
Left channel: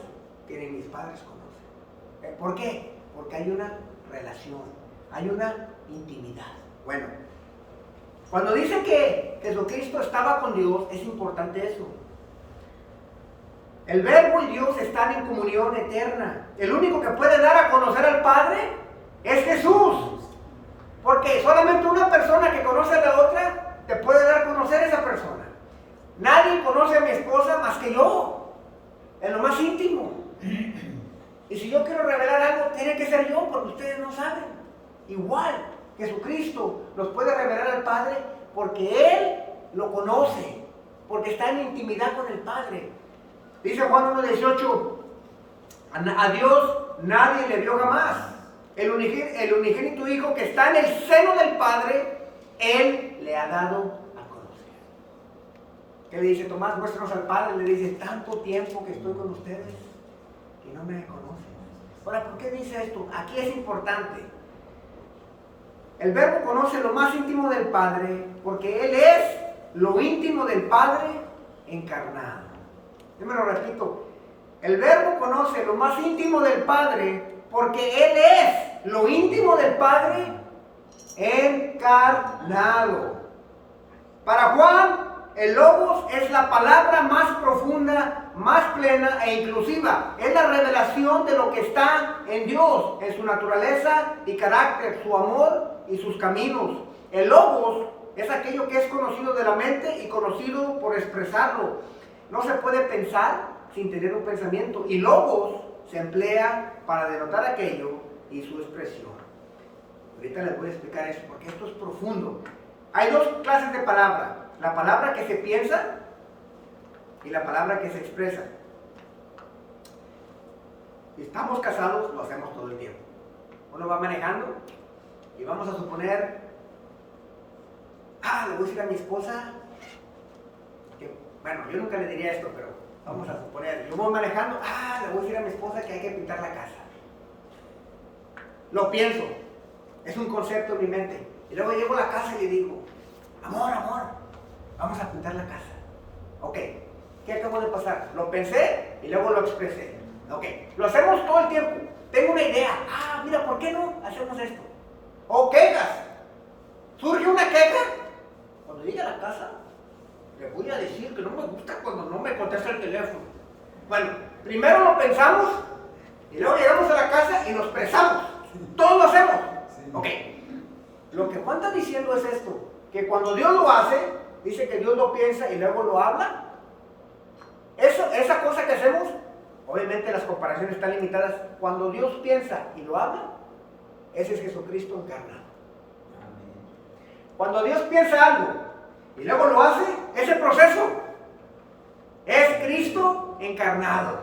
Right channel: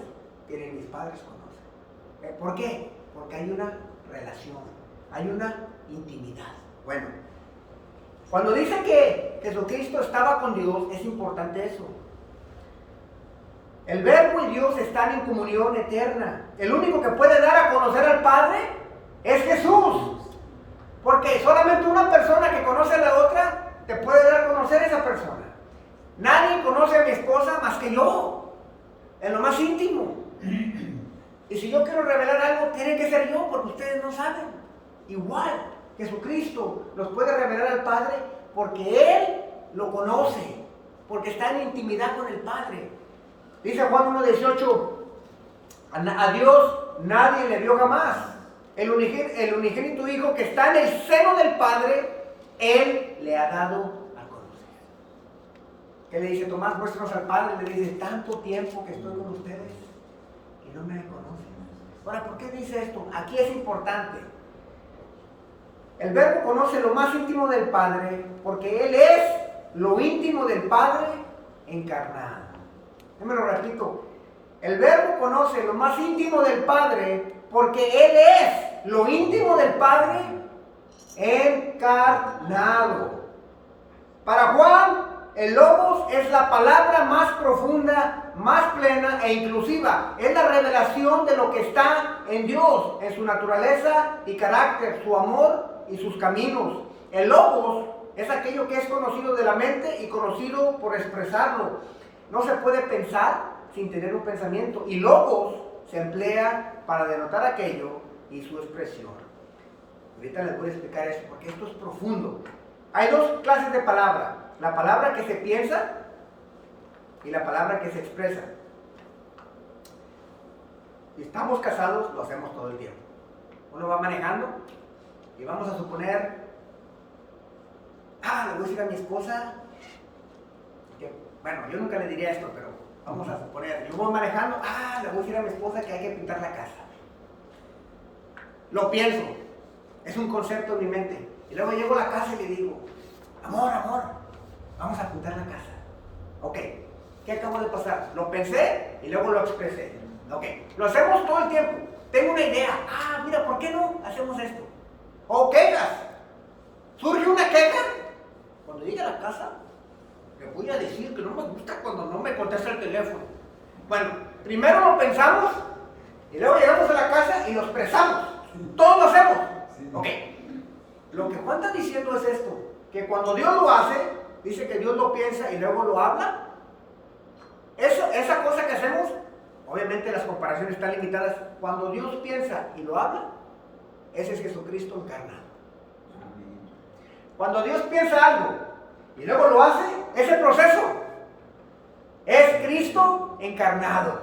que ni mis padres conocen. ¿Por qué? Porque hay una relación, hay una intimidad. Bueno, cuando dice que Jesucristo estaba con Dios, es importante eso. El Verbo y Dios están en comunión eterna. El único que puede dar a conocer al Padre es Jesús. Porque solamente una persona que conoce a la otra te puede dar a conocer a esa persona. Nadie conoce a mi esposa más que yo, en lo más íntimo. Y si yo quiero revelar algo, tiene que ser yo, porque ustedes no saben. Igual, Jesucristo nos puede revelar al Padre porque Él lo conoce, porque está en intimidad con el Padre. Dice Juan 1:18, a Dios nadie le vio jamás. El unigénito Hijo que está en el seno del Padre, Él le ha dado a conocer. ¿Qué le dice Tomás? Muéstranos al Padre. Le dice, tanto tiempo que estoy con ustedes y no me conocen. Ahora, ¿por qué dice esto? Aquí es importante. El Verbo conoce lo más íntimo del Padre porque Él es lo íntimo del Padre encarnado. Yo me lo repito. El Verbo conoce lo más íntimo del Padre porque Él es lo íntimo del Padre encarnado. Para Juan, el Logos es la palabra más profunda, más plena e inclusiva. Es la revelación de lo que está en Dios, en su naturaleza y carácter, su amor y sus caminos. El Logos es aquello que es conocido de la mente y conocido por expresarlo. No se puede pensar sin tener un pensamiento. Y Logos se emplea para denotar aquello y su expresión. Ahorita les voy a explicar eso porque esto es profundo. Hay dos clases de palabra. La palabra que se piensa y la palabra que se expresa. Si estamos casados, lo hacemos todo el tiempo. Uno va manejando y vamos a suponer, le voy a decir a mi esposa, que, bueno, yo nunca le diría esto, pero vamos a suponer, yo voy manejando, le voy a decir a mi esposa que hay que pintar la casa. Lo pienso, es un concepto en mi mente. Y luego llego a la casa y le digo, amor, vamos a pintar la casa. Ok, ¿qué acabo de pasar? Lo pensé y luego lo expresé. Ok, lo hacemos todo el tiempo. Tengo una idea. Mira, ¿por qué no hacemos esto? O quejas. Surge una queja. Cuando llegue a la casa, le voy a decir que no me gusta cuando no me contesta el teléfono. Bueno, primero lo pensamos y luego llegamos a la casa y lo expresamos. Todos lo hacemos. Ok, lo que Juan está diciendo es esto, que cuando Dios lo hace, dice que Dios lo piensa y luego lo habla. Esa cosa que hacemos, obviamente las comparaciones están limitadas. Cuando Dios piensa y lo habla, ese es Jesucristo encarnado. Cuando Dios piensa algo y luego lo hace, ese proceso es Cristo encarnado.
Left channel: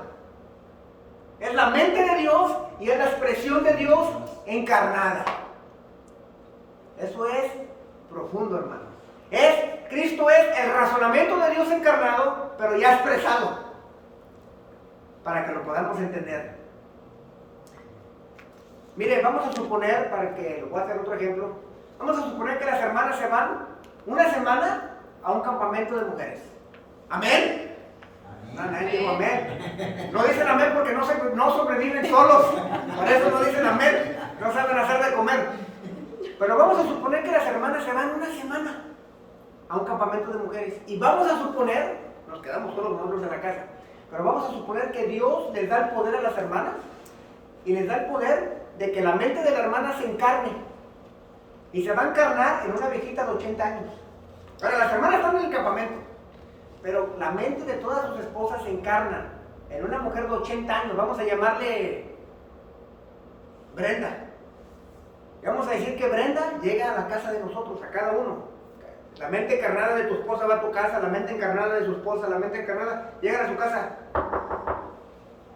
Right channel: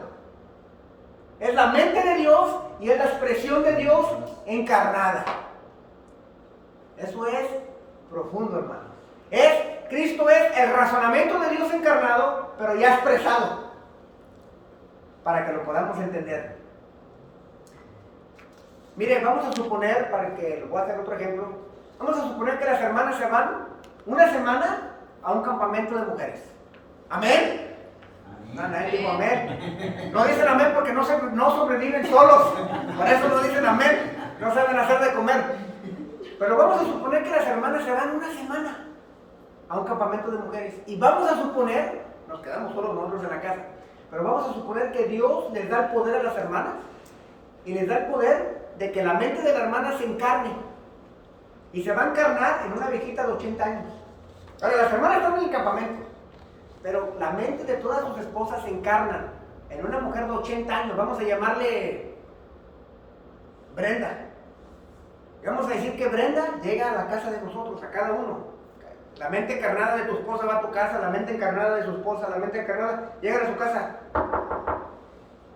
Es la mente de Dios y es la expresión de Dios encarnada. Eso es profundo, hermano. Cristo es el razonamiento de Dios encarnado, pero ya expresado, para que lo podamos entender. Mire, vamos a suponer, para que lo voy a hacer otro ejemplo, vamos a suponer que las hermanas se van una semana a un campamento de mujeres. ¿Amén? No, nadie dijo amén. No dicen amén porque no sobreviven solos. Por eso no dicen amén. No saben hacer de comer. Pero vamos a suponer que las hermanas se van una semana a un campamento de mujeres. Y vamos a suponer, nos quedamos solos nosotros en la casa, pero vamos a suponer que Dios les da el poder a las hermanas y les da el poder de que la mente de la hermana se encarne. Y se va a encarnar en una viejita de 80 años. Ahora, las hermanas están en el campamento, pero la mente de todas sus esposas se encarna en una mujer de 80 años. Vamos a llamarle Brenda. Y vamos a decir que Brenda llega a la casa de nosotros, a cada uno. La mente encarnada de tu esposa va a tu casa, la mente encarnada de su esposa, la mente encarnada, llegan a su casa.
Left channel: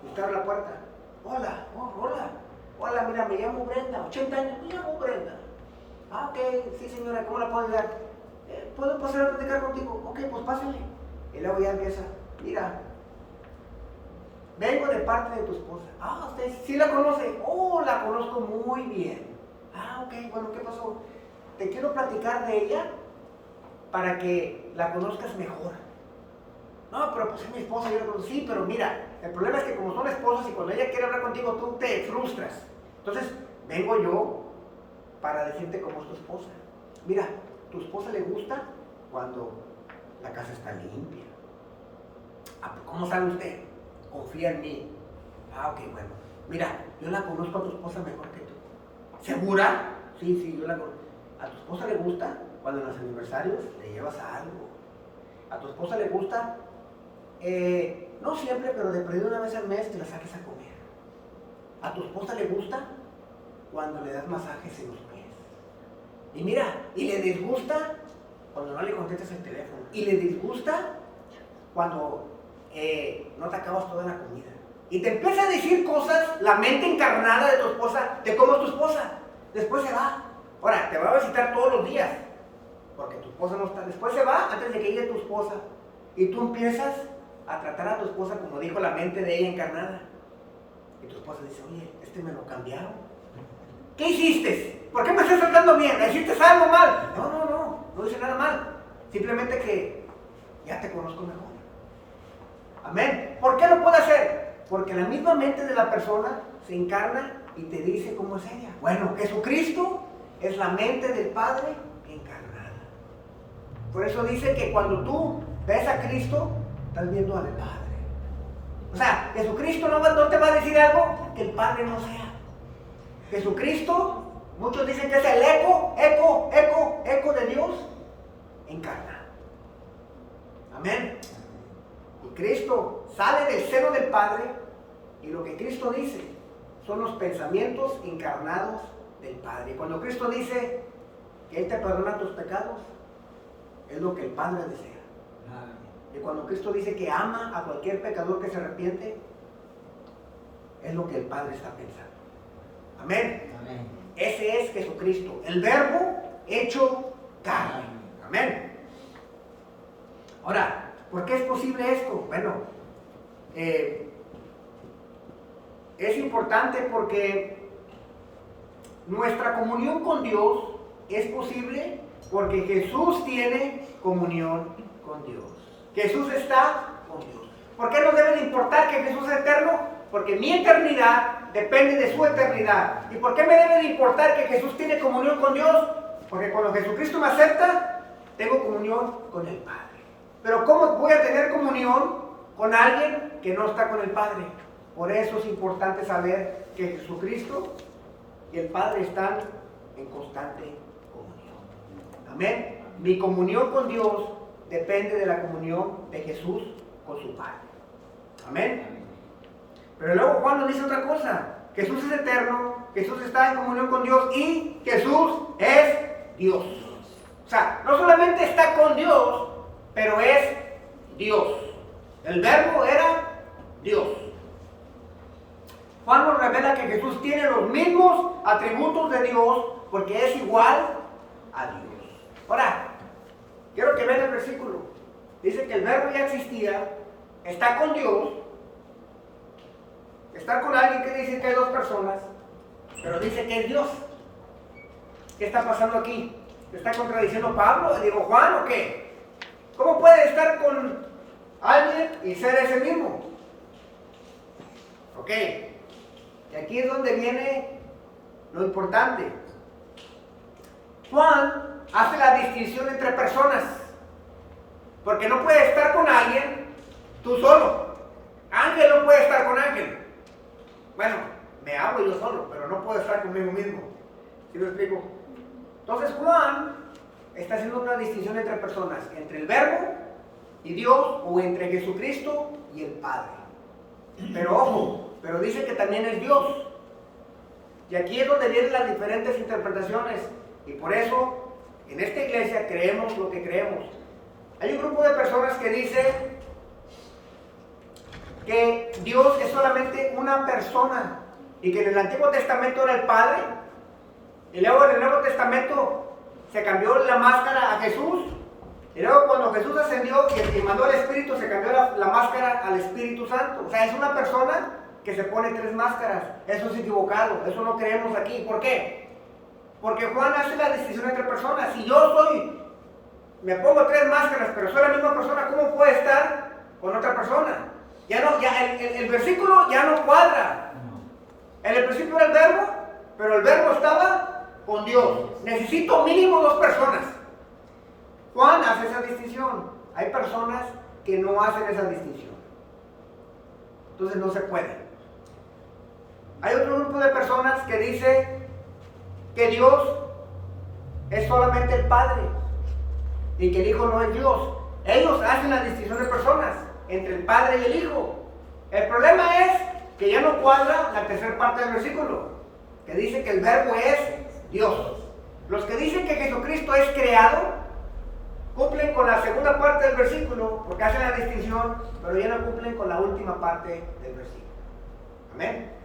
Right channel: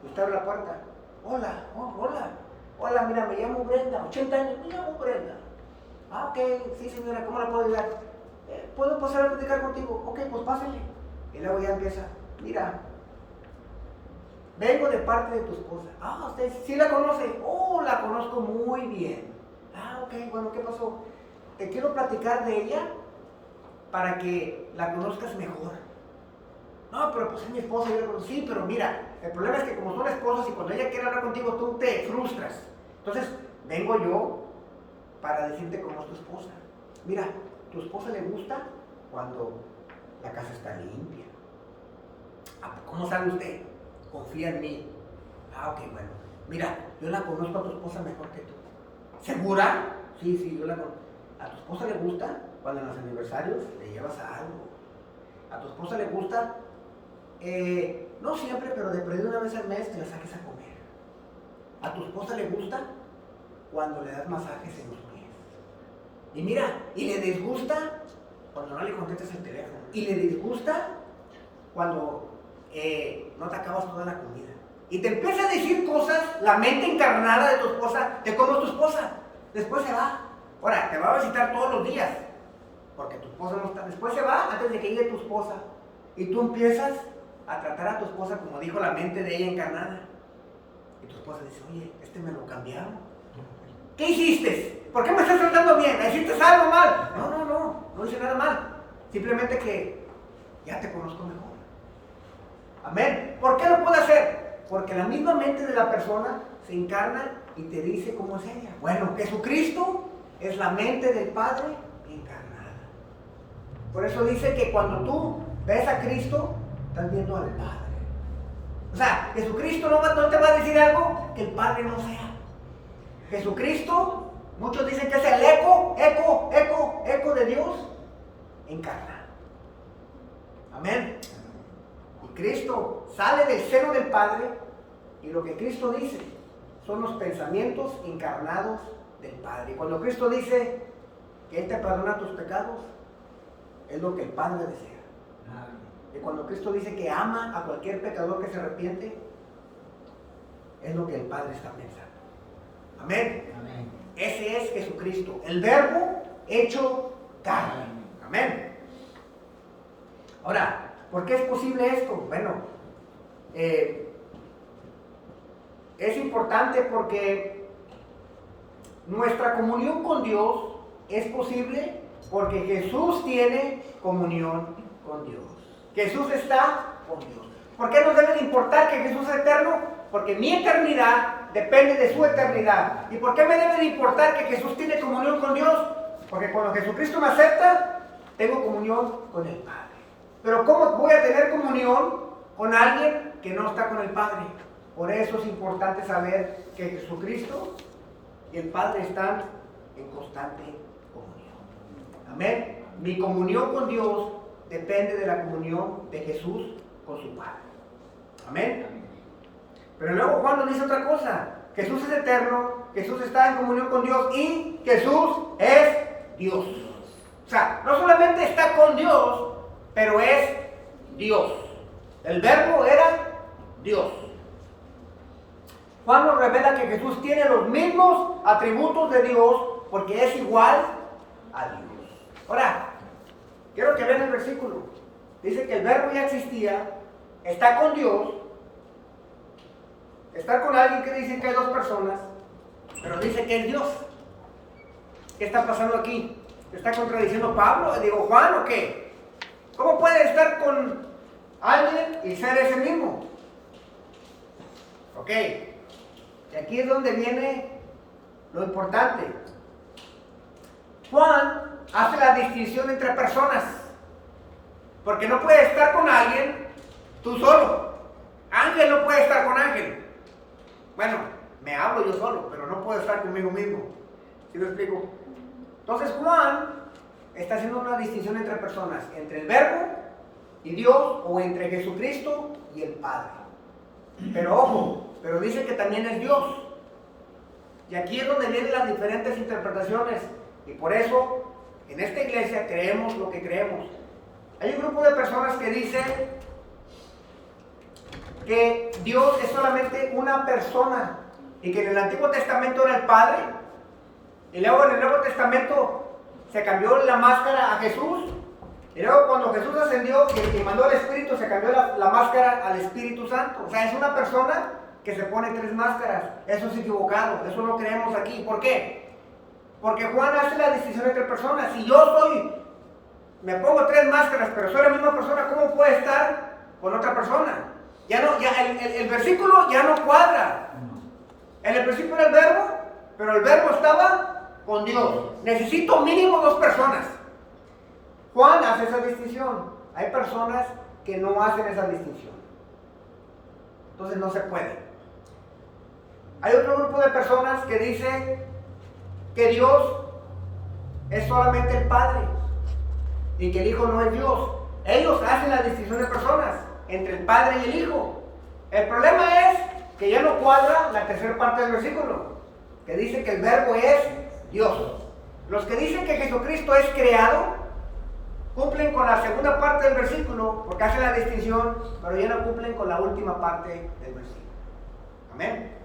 Y usted abre la puerta. Hola, hola. Hola, mira, me llamo Brenda, 80 años, me llamo Brenda. Ah, ok, sí señora, ¿cómo la puedo ayudar? ¿Puedo pasar a platicar contigo? Ok, pues pásale. Y luego ya empieza, mira, vengo de parte de tu esposa. Ah, ¿usted sí la conoce? Oh, la conozco muy bien. Ah, ok, bueno, ¿qué pasó? Te quiero platicar de ella para que la conozcas mejor. No, pero pues es mi esposa, yo la conozco. Sí, pero mira, el problema es que como son esposos y cuando ella quiere hablar contigo, tú te frustras. Entonces, vengo yo para decirte cómo es tu esposa. Mira, tu esposa le gusta cuando la casa está limpia. ¿Cómo sabe usted? Confía en mí. Ah, ok, bueno. Mira, yo la conozco a tu esposa mejor que tú. ¿Segura? Sí, yo la conozco. ¿A tu esposa le gusta cuando en los aniversarios le llevas algo? ¿A tu esposa le gusta? No siempre, pero de perdido una vez al mes te la saques a comer. ¿A tu esposa le gusta cuando le das masajes en los pies? Y mira, y le disgusta cuando no le contestas el teléfono. Y le disgusta cuando no te acabas toda la comida. Y te empieza a decir cosas, la mente encarnada de tu esposa, de cómo es tu esposa. Después se va. Ahora, te va a visitar todos los días, porque tu esposa no está. Después se va antes de que llegue tu esposa. Y tú empiezas a tratar a tu esposa como dijo la mente de ella encarnada. Y tu esposa dice, oye, me lo cambiaron. ¿Qué hiciste? ¿Por qué me estás tratando bien? ¿Hiciste algo mal? No hice nada mal. Simplemente que ya te conozco mejor. Amén. ¿Por qué lo puede hacer? Porque la misma mente de la persona se encarna y te dice cómo es ella. Bueno, Jesucristo es la mente del Padre encarnada. Por eso dice que cuando tú ves a Cristo, estás viendo al Padre. O sea, Jesucristo no te va a decir algo que el Padre no sea. Jesucristo, muchos dicen que es el eco de Dios encarnado. Amén. Y Cristo sale del seno del Padre y lo que Cristo dice son los pensamientos encarnados del Padre. Y cuando Cristo dice que Él te perdona tus pecados, es lo que el Padre desea. Y cuando Cristo dice que ama a cualquier pecador que se arrepiente, es lo que el Padre está pensando. Amén. Amén. Ese es Jesucristo, el Verbo hecho carne. Amén. Ahora, ¿por qué es posible esto? Bueno, es importante porque nuestra comunión con Dios es posible porque Jesús tiene comunión con Dios. Jesús está con Dios. ¿Por qué nos debe de importar que Jesús es eterno? Porque mi eternidad depende de su eternidad. ¿Y por qué me debe de importar que Jesús tiene comunión con Dios? Porque cuando Jesucristo me acepta, tengo comunión con el Padre. Pero ¿cómo voy a tener comunión con alguien que no está con el Padre? Por eso es importante saber que Jesucristo y el Padre están en constante comunión. Amén. Mi comunión con Dios depende de la comunión de Jesús con su Padre. Amén. Pero luego Juan nos dice otra cosa. Jesús es eterno, Jesús está en comunión con Dios y Jesús es Dios. O sea, no solamente está con Dios, pero es Dios. El Verbo era Dios. Juan nos revela que Jesús tiene los mismos atributos de Dios porque es igual a Dios. Ahora, quiero que vean el versículo. Dice que el Verbo ya existía, está con Dios. Estar con alguien quiere decir que hay dos personas, pero dice que es Dios. ¿Qué está pasando aquí? ¿Te está contradiciendo Pablo? Digo, Juan, ¿o qué? ¿Cómo puede estar con alguien y ser ese mismo? Ok. Y aquí es donde viene lo importante. Juan hace la distinción entre personas. Porque no puede estar con alguien tú solo. Ángel no puede estar con Ángel. Bueno, me hablo yo solo, pero no puedo estar conmigo mismo. ¿Sí me explico? Entonces Juan está haciendo una distinción entre personas, entre el Verbo y Dios, o entre Jesucristo y el Padre. Pero ojo, pero dice que también es Dios. Y aquí es donde vienen las diferentes interpretaciones. Y por eso en esta iglesia creemos lo que creemos. Hay un grupo de personas que dice que Dios es solamente una persona y que en el Antiguo Testamento era el Padre y luego en el Nuevo Testamento se cambió la máscara a Jesús y luego cuando Jesús ascendió y mandó al Espíritu se cambió la máscara al Espíritu Santo. O sea, es una persona que se pone 3 máscaras. Eso es equivocado, eso no creemos aquí. ¿Por qué? Porque Juan hace la distinción entre personas. Si me pongo 3 máscaras, pero soy la misma persona, ¿cómo puede estar con otra persona? El versículo ya no cuadra. En el principio era el verbo, pero el verbo estaba con Dios. Necesito mínimo 2 personas. Juan hace esa distinción. Hay personas que no hacen esa distinción. Entonces no se puede. Hay otro grupo de personas que dice que Dios es solamente el Padre y que el Hijo no es Dios. Ellos hacen la distinción de personas entre el Padre y el Hijo. El problema es que ya no cuadra la tercera parte del versículo, que dice que el verbo es Dios. Los que dicen que Jesucristo es creado cumplen con la segunda parte del versículo porque hacen la distinción, pero ya no cumplen con la última parte del versículo. Amén.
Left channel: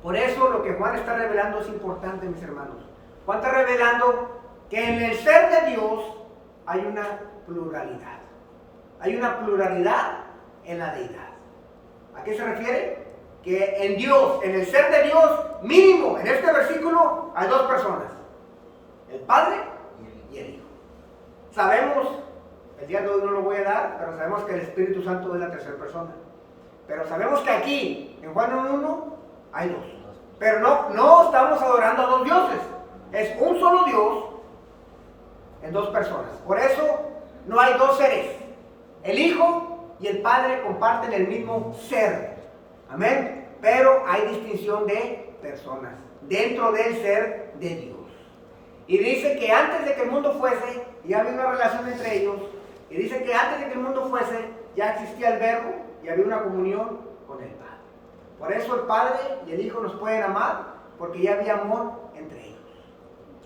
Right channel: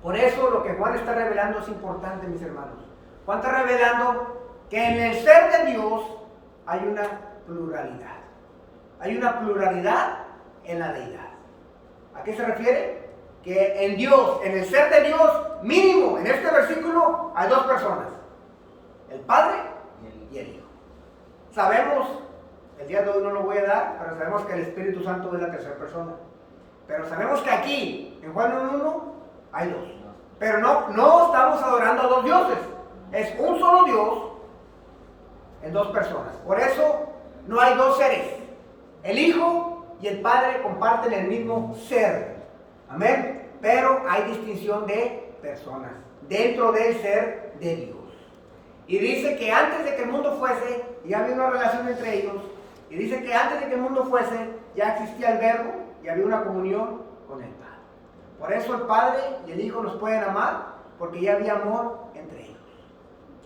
Por eso lo que Juan está revelando es importante, mis hermanos. Juan está revelando que en el ser de Dios hay una pluralidad. Hay una pluralidad en la deidad. ¿A qué se refiere? Que en Dios, en el ser de Dios, mínimo, en este versículo, hay 2 personas. El Padre y el Hijo. Sabemos, el día de hoy no lo voy a dar, pero sabemos que el Espíritu Santo es la tercera persona. Pero sabemos que aquí, en Juan 1:1, hay 2. Pero no estamos adorando a 2 dioses. Es un solo Dios en 2 personas. Por eso no hay 2 seres. El Hijo y el Padre comparten el mismo ser. Amén. Pero hay distinción de personas dentro del ser de Dios. Y dice que antes de que el mundo fuese, ya había una relación entre ellos. Y dice que antes de que el mundo fuese, ya existía el verbo y había una comunión con el Padre. Por eso el Padre y el Hijo nos pueden amar, porque ya había amor entre ellos.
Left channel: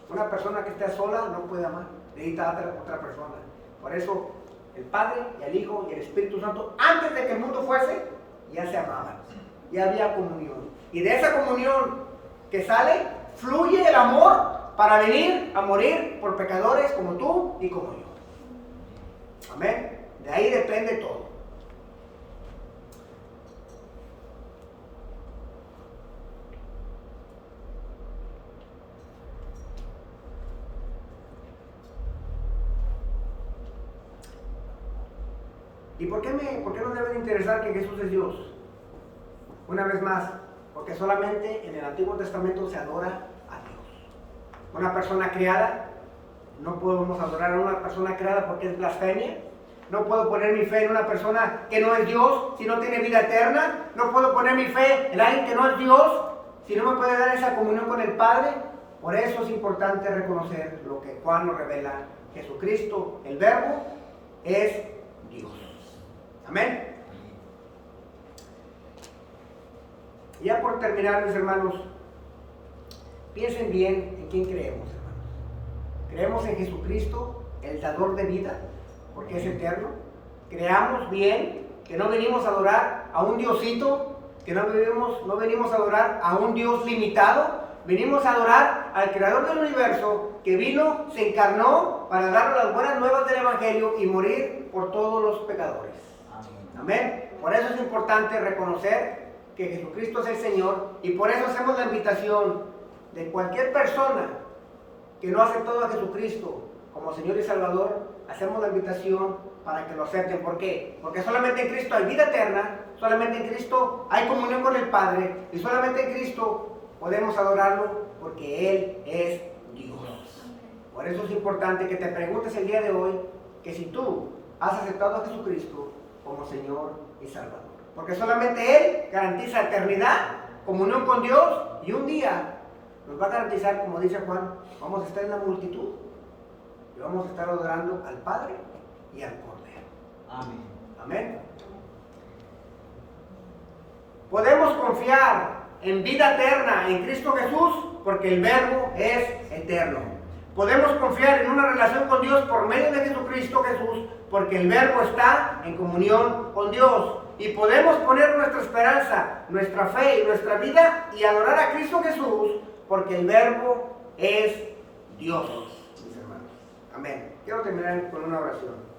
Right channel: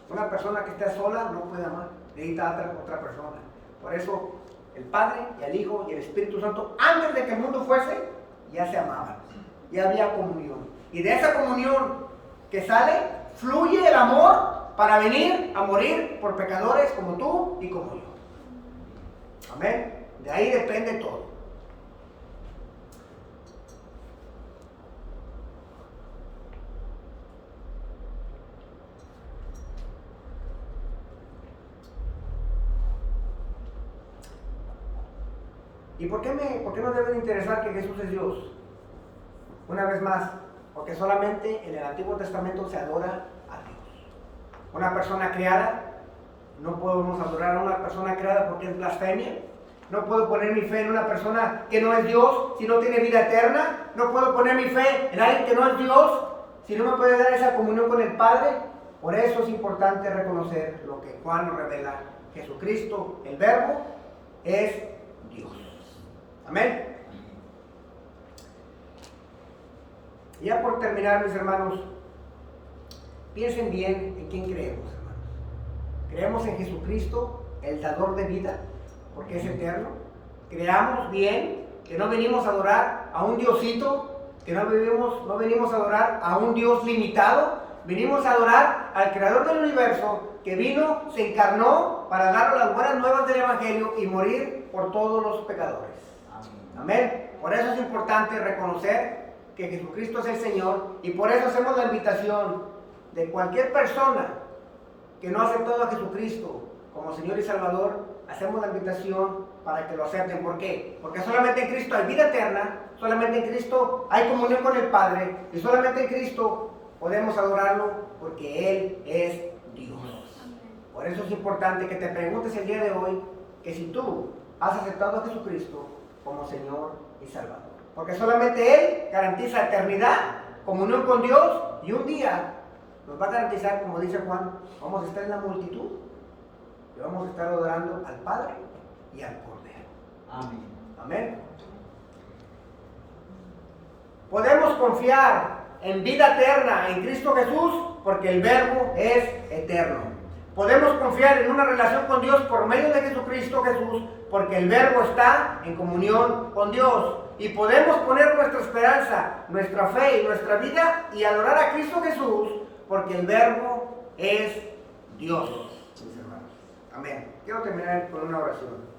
Una persona que esté sola no puede amar, necesita otra persona. Por eso el Padre y el Hijo y el Espíritu Santo, antes de que el mundo fuese, ya se amaban. Ya había comunión. Y de esa comunión que sale, fluye el amor para venir a morir por pecadores como tú y como yo. Amén. De ahí depende todo. ¿Y por qué nos debe de interesar que Jesús es Dios? Una vez más, porque solamente en el Antiguo Testamento se adora a Dios. Una persona creada, no podemos adorar a una persona creada porque es blasfemia. No puedo poner mi fe en una persona que no es Dios si no tiene vida eterna. No puedo poner mi fe en alguien que no es Dios si no me puede dar esa comunión con el Padre. Por eso es importante reconocer lo que Juan nos revela. Jesucristo, el Verbo, es Dios. Amén. Y ya por terminar, mis hermanos, piensen bien en quién creemos, hermanos. Creemos en Jesucristo, el dador de vida, porque es eterno. Creamos bien que no venimos a adorar a un diosito, que no venimos a adorar a un Dios limitado. Venimos a adorar al Creador del universo, que vino, se encarnó para dar las buenas nuevas del Evangelio y morir por todos los pecadores. Amén. Por eso es importante reconocer que Jesucristo es el Señor, y por eso hacemos la invitación de cualquier persona que no ha aceptado a Jesucristo como Señor y Salvador. Hacemos la invitación para que lo acepten. ¿Por qué? Porque solamente en Cristo hay vida eterna, solamente en Cristo hay comunión con el Padre, y solamente en Cristo podemos adorarlo, porque Él es Dios. Por eso es importante que te preguntes el día de hoy que si tú has aceptado a Jesucristo como Señor y Salvador. Porque solamente Él garantiza eternidad, comunión con Dios, y un día nos va a garantizar, como dice Juan, vamos a estar en la multitud y vamos a estar adorando al Padre y al Cordero. Amén. Amén. Podemos confiar en vida eterna en Cristo Jesús porque el Verbo es eterno. Podemos confiar en una relación con Dios por medio de Jesucristo Jesús, porque el Verbo está en comunión con Dios. Y podemos poner nuestra esperanza, nuestra fe y nuestra vida y adorar a Cristo Jesús, porque el Verbo es Dios, mis hermanos. Amén. Quiero terminar con una oración.